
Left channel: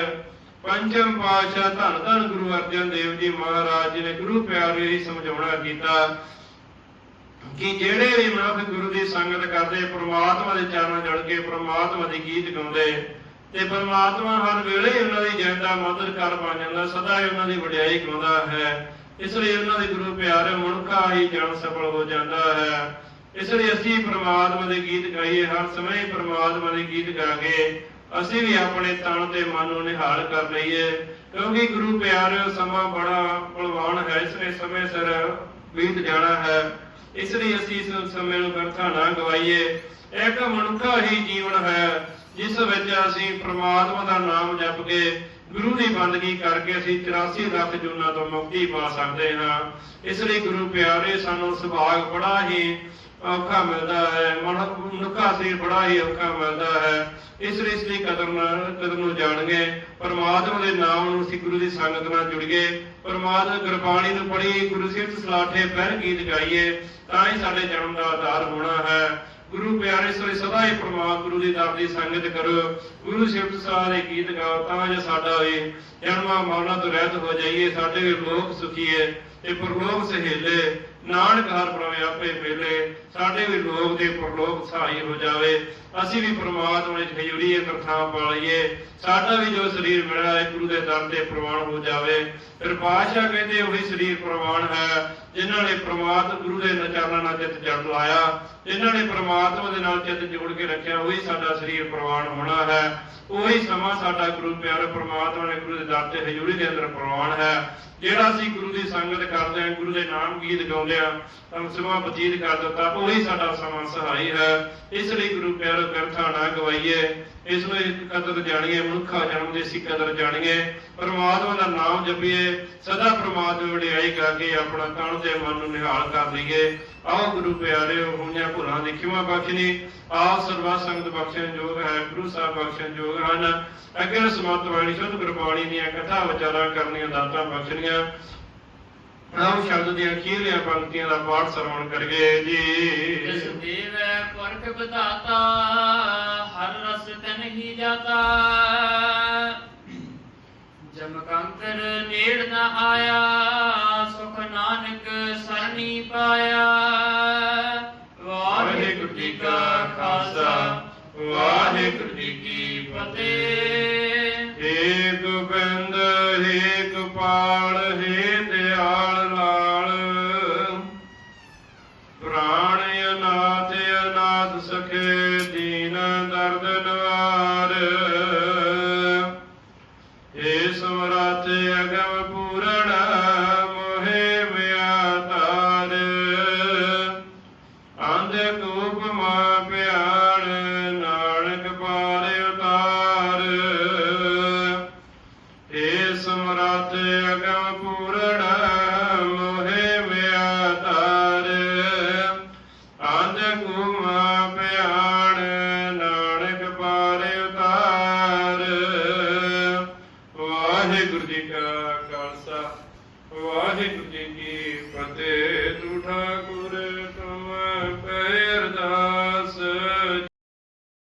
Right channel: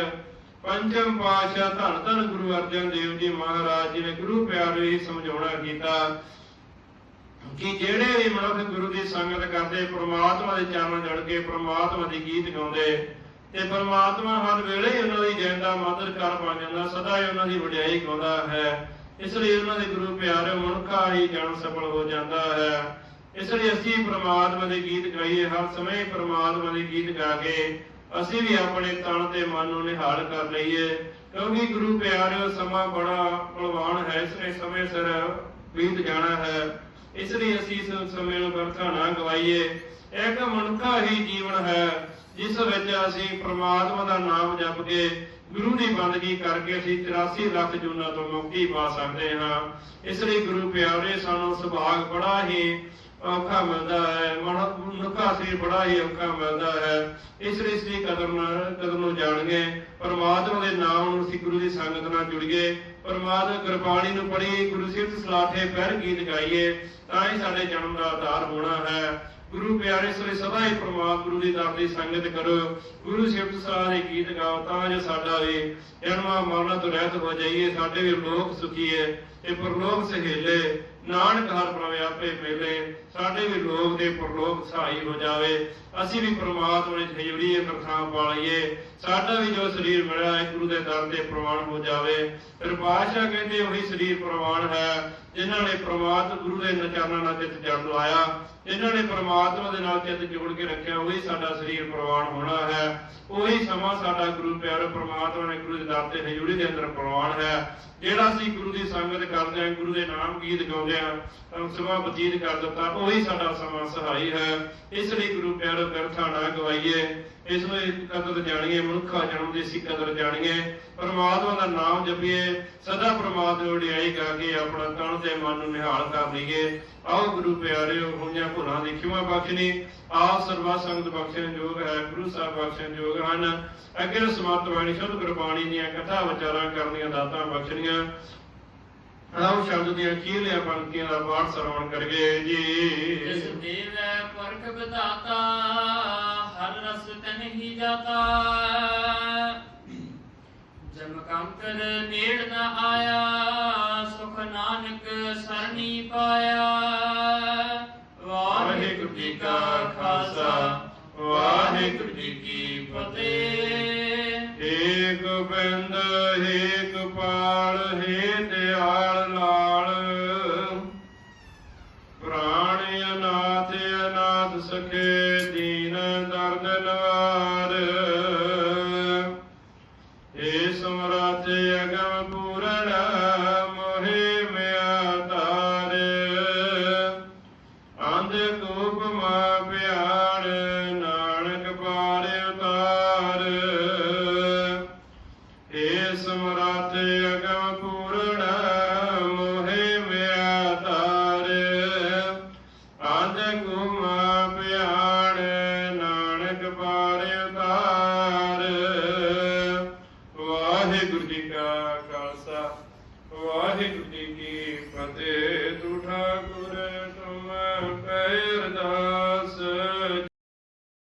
ਪੰਜਮ ਪਾਤਸ਼ਾਹ ਧੰਨ ਧੰਨ ਗੁਰੂ ਅਰਜਨ ਦੇਵ ਜੀ ਮਹਾਰਾਜ ਜੀ ਨੇ ਗੁਰੂ ਪਿਆਰੇ ਹੀ ਸਮਝਾਉਣਾ ਕੀਤਾ ਕਿ ਜਿਹੜੇ ਵੀ ਮਨੁੱਖ ਗੁਰੂ ਦੀ ਸੰਗਤ ਕਰਦੇ, ਪ੍ਰਮਾਤਮਾ ਦੇ ਚਰਨਾਂ ਜੁੜ ਕੇ ਪ੍ਰਮਾਤਮਾ ਦੇ ਗੀਤ ਗਾਉਂਦੇ ਤੇ ਪ੍ਰਮਾਤਮਾ ਹਰ ਵੇਲੇ ਉਹਨਾਂ ਦੀ ਜੈਂਦਾ ਮਦਦ ਕਰ ਬਣ ਜਾਂਦਾ, ਸਦਾ ਹੀ ਉਹਨਾਂ ਦੀ ਵਡਿਆਈ ਗਾਉਂਦਾ ਹੈ। ਇਸ ਲਈ ਉਹਨਾਂ ਦੇ ਗੁਰੂ ਪਿਆਰੇ ਮਨੁੱਖਾ ਹੀ ਜਨ ਸਫਲ ਹੋ ਜਾਂਦਾ ਹੈ। ਇਸ ਲਈ ਅਸੀਂ ਪ੍ਰਮਾਤਮਾ ਦੇ ਗੀਤ ਗਾਈਏ, ਹਰ ਸਮੇਂ ਪ੍ਰਮਾਤਮਾ ਦੇ ਗੀਤ ਗਾ ਕੇ ਅਸੀਂ ਵੀ ਆਪਣੇ ਤਨ ਤੇ ਮਨ ਨੂੰ ਨਿਹਾਲ ਕਰ ਲਈਏ, ਕਿਉਂਕਿ ਗੁਰੂ ਪਿਆਰੇ ਸਮਾਂ ਬੜਾ ਬਲਵਾਨ ਹੈ, ਇਸ ਸਮੇਂ ਸਿਰ ਬੀਤ ਜਾਣਾ ਹੈ। ਇਸ ਲਈ ਅਸੀਂ ਇਸ ਸਮੇਂ ਨੂੰ ਵਰਥਾ ਨਾ ਗਵਾਈਏ। ਇੱਕ ਮਨੁੱਖਾ ਹੀ ਜੀਵਨ ਹੈ, ਜਿਸ ਵਿੱਚ ਅਸੀਂ ਪ੍ਰਮਾਤਮਾ ਦਾ ਨਾਮ ਜਪ ਕੇ ਗੁਰੂ ਦੀ ਬੰਦਗੀ ਕਰਕੇ ਅਸੀਂ 84 ਲੱਖ ਜੂਨਾਂ ਤੋਂ ਮੁਕਤੀ ਪਾ ਸਕਦੇ ਹਾਂ। ਇਸ ਲਈ ਗੁਰੂ ਪਿਆਰੇ, ਸਾਨੂੰ ਸੁਭਾਗ ਬੜਾ ਹੀ ਔਖਾ ਮਿਲਦਾ ਹੈ ਮਨੁੱਖਾ ਸਰੀਰ ਬੜਾ ਹੀ ਔਖਾ ਮਿਲਦਾ ਹੈ। ਇਸ ਲਈ ਇਸ ਕਦਮ ਕਦਮ ਨੂੰ ਜਾਣਗੇ, ਪਰਮਾਤਮਾ ਦੇ ਨਾਮ ਨੂੰ ਅਸੀਂ ਗੁਰੂ ਦੀ ਸੰਗਤ ਨਾਲ ਜੁੜੀਏ, ਪਰਮਾਤਮਾ ਗੁਰਬਾਣੀ ਨੂੰ ਪੜ੍ਹੀ ਗੁਰੂ ਸਿਫਤ ਸਲਾਠੇ ਪਹਿਰ ਗੀਤ ਗਾਈਏ, ਤਾਂ ਹੀ ਸਾਡੇ ਜਨਮ ਦਾ ਆਧਾਰ ਹੋਣਾ ਹੈ। ਗੁਰੂ ਪਿਆਰੇ ਸੋਈ ਸਦਾ ਹੀ ਪ੍ਰਮਾਤਮਾ ਗੁਰੂ ਦੀ ਦਰ ਦੀ ਸੰਗਤ ਕਰੋ। ਗੁਰੂ ਸਿਫਤ ਸਾਰੇ ਗੀਤ ਗਾਓ, ਤਾਂ ਜੋ ਸਾਡਾ ਵੀ ਜਨਮਾਂ ਮਰਨਾਂ ਤੋਂ ਰਹਿਤ ਹੋ ਜਾਈਏ, ਸਾਡੇ ਵੀ ਲੋਕ ਸੁਖੀਏ ਤੇ ਪਰਲੋਕ ਸਹੇਲੇ ਨਾਨਕ ਹਰ ਪ੍ਰਭ ਆਪੇ ਮੇਲੇ ਸਾਡੇ ਵੀ ਲੋਕ ਦੇ ਪਰਲੋਕ ਸਹਾਈ ਹੋ ਜਾਵੇ। ਅਸੀਂ ਵੀ ਪ੍ਰਮਾਤਮਾ ਵਿੱਚ ਖਜੂਰੀਏ ਤਰਥਾਂ ਪਾ ਲਈਏ। ਸਾਡਾ ਵੀ ਜੋ ਸਰੀਰ ਮਿਲਿਆ ਹੈ ਗੁਰੂ ਦੇ ਦਰ ਤੇ ਪ੍ਰਵਾਨ ਹੋ ਜਾਵੇ। ਫਿਰ ਪਾਤਸ਼ਾਹ ਕਹਿੰਦੇ, ਉਹੀ ਸਰੀਰ ਪ੍ਰਵਾਨ ਹੈ, ਜਿਨ੍ਹਾਂ ਨੇ ਪ੍ਰਮਾਤਮਾ ਗੁਰੂ ਦੇ ਨਚਾਰਾਂ ਨਾਲ ਜਿੱਤ ਜੜ ਲਾਇਆ। ਇਹਨਾਂ ਨੇ ਪ੍ਰਮਾਤਮਾ ਦੇ ਨਾਲ ਚਿੱਤ ਜੋੜ ਕੇ ਰੱਖਿਆ, ਉਹੀ ਸਾਡਾ ਸਰੀਰ ਪ੍ਰਵਾਨ ਹੋਣਾ ਹੈ। ਉਹੀ ਸਮਾਂ ਸਾਡਾ ਗੁਰੂ ਪਿਆਰੇ ਪ੍ਰਮਾਤਮਾ ਨੇ ਗੁਰੂ ਦੇ ਦਰ ਤੇ ਹਜ਼ੂਰੀ ਦੇ ਅੰਦਰ ਪ੍ਰਵਾਨ ਹੈ। ਜਿਹੜਾ ਅਸੀਂ ਗੁਰੂ ਦੀ ਸੰਗਤ ਕਰਦੇ ਹਾਂ, ਗੁਰੂ ਦੇ ਨਾਮ ਗੀਤ ਗਾਉਂਦੇ ਹਾਂ, ਤਾਂ ਸਮਾਂ ਬਤੀਤ ਕਰ ਦਿੱਤਾ, ਉਹੀ ਸਾਡਾ ਸਮਾਂ ਸਹਾਈ ਹੈ। ਇਸ ਲਈ ਗੁਰੂ ਪਿਆਰੋ ਕਰਥਾ ਨਾ ਗਵਾਈਏ। ਇਸ ਨੂੰ ਕਦਰ ਜਾਣੀਏ, ਮਨੁੱਖਾ ਜਨਮ ਦੀ ਸੀ ਕਦਰ ਜਾਣੀਏ। ਪਰਮਾਤਮਾ ਦਾ ਨਾਮ ਜਪੀਏ, ਸਦਾ ਪ੍ਰਮਾਤਮਾ ਦੀ ਵਡਿਆਈ ਕਰਕੇ ਆਪਣਾ ਤਨ ਤੇ ਮਨ ਨੂੰ ਨਿਹਾਲ ਕਰ ਲਈਏ ਆਓ ਗੁਰੂ ਪਿਆਰਿਓ ਹੁਣਿਆ ਭੁਰਾਂ ਦੀ ਖਿਮਾ ਬਖਸ਼ਣੀ। ਸਰਵਾ ਸੰਗਤ ਬਖਸ਼ਣ ਯੋਗ ਹੈ, ਗੁਰੂ ਸਾਹਿਬ ਬਖਸ਼ਣ ਯੋਗ ਹਨ। ਅੱਗੇ ਸਮਾਪਤ ਬਾਣੀ, ਸ਼ੁੱਧ ਗੁਰਬਾਣੀ ਦੀਆਂ ਕਥਾ ਵਿਚਾਰਾਂ ਕਰਨੀਆਂ, ਦਾਤਾਂ ਬਖਸ਼ਣੀਆਂ ਆਓ ਸ਼ਬਦ ਦੀਆਂ ਅਖੀਰਲੀਆਂ ਪੰਕਤੀਆਂ ਦਾ ਪਾਠ ਸਰਵਣ ਕਰੀਏ ਜਿਸ ਦੇਵੈ ਪਰਖ ਬਤਾਤਾ ਹਰ ਰਸ ਤਨ ਹੀ ਜਾਤਾ। ਜਮ ਨੇੜ ਨ ਆਇਆ, ਸੁਖ ਨਾਨਕ ਸਰਣੀ ਪਾਇਆ। ਵਾਹਿਗੁਰੂ ਜੀ ਕਾ ਖਾਲਸਾ, ਵਾਹਿਗੁਰੂ ਜੀ ਕੀ ਫਤਿਹ। ਏਕ ਬਿੰਦ, ਏਕ ਪਾਲ ਹੈ ਦਿਆਲ।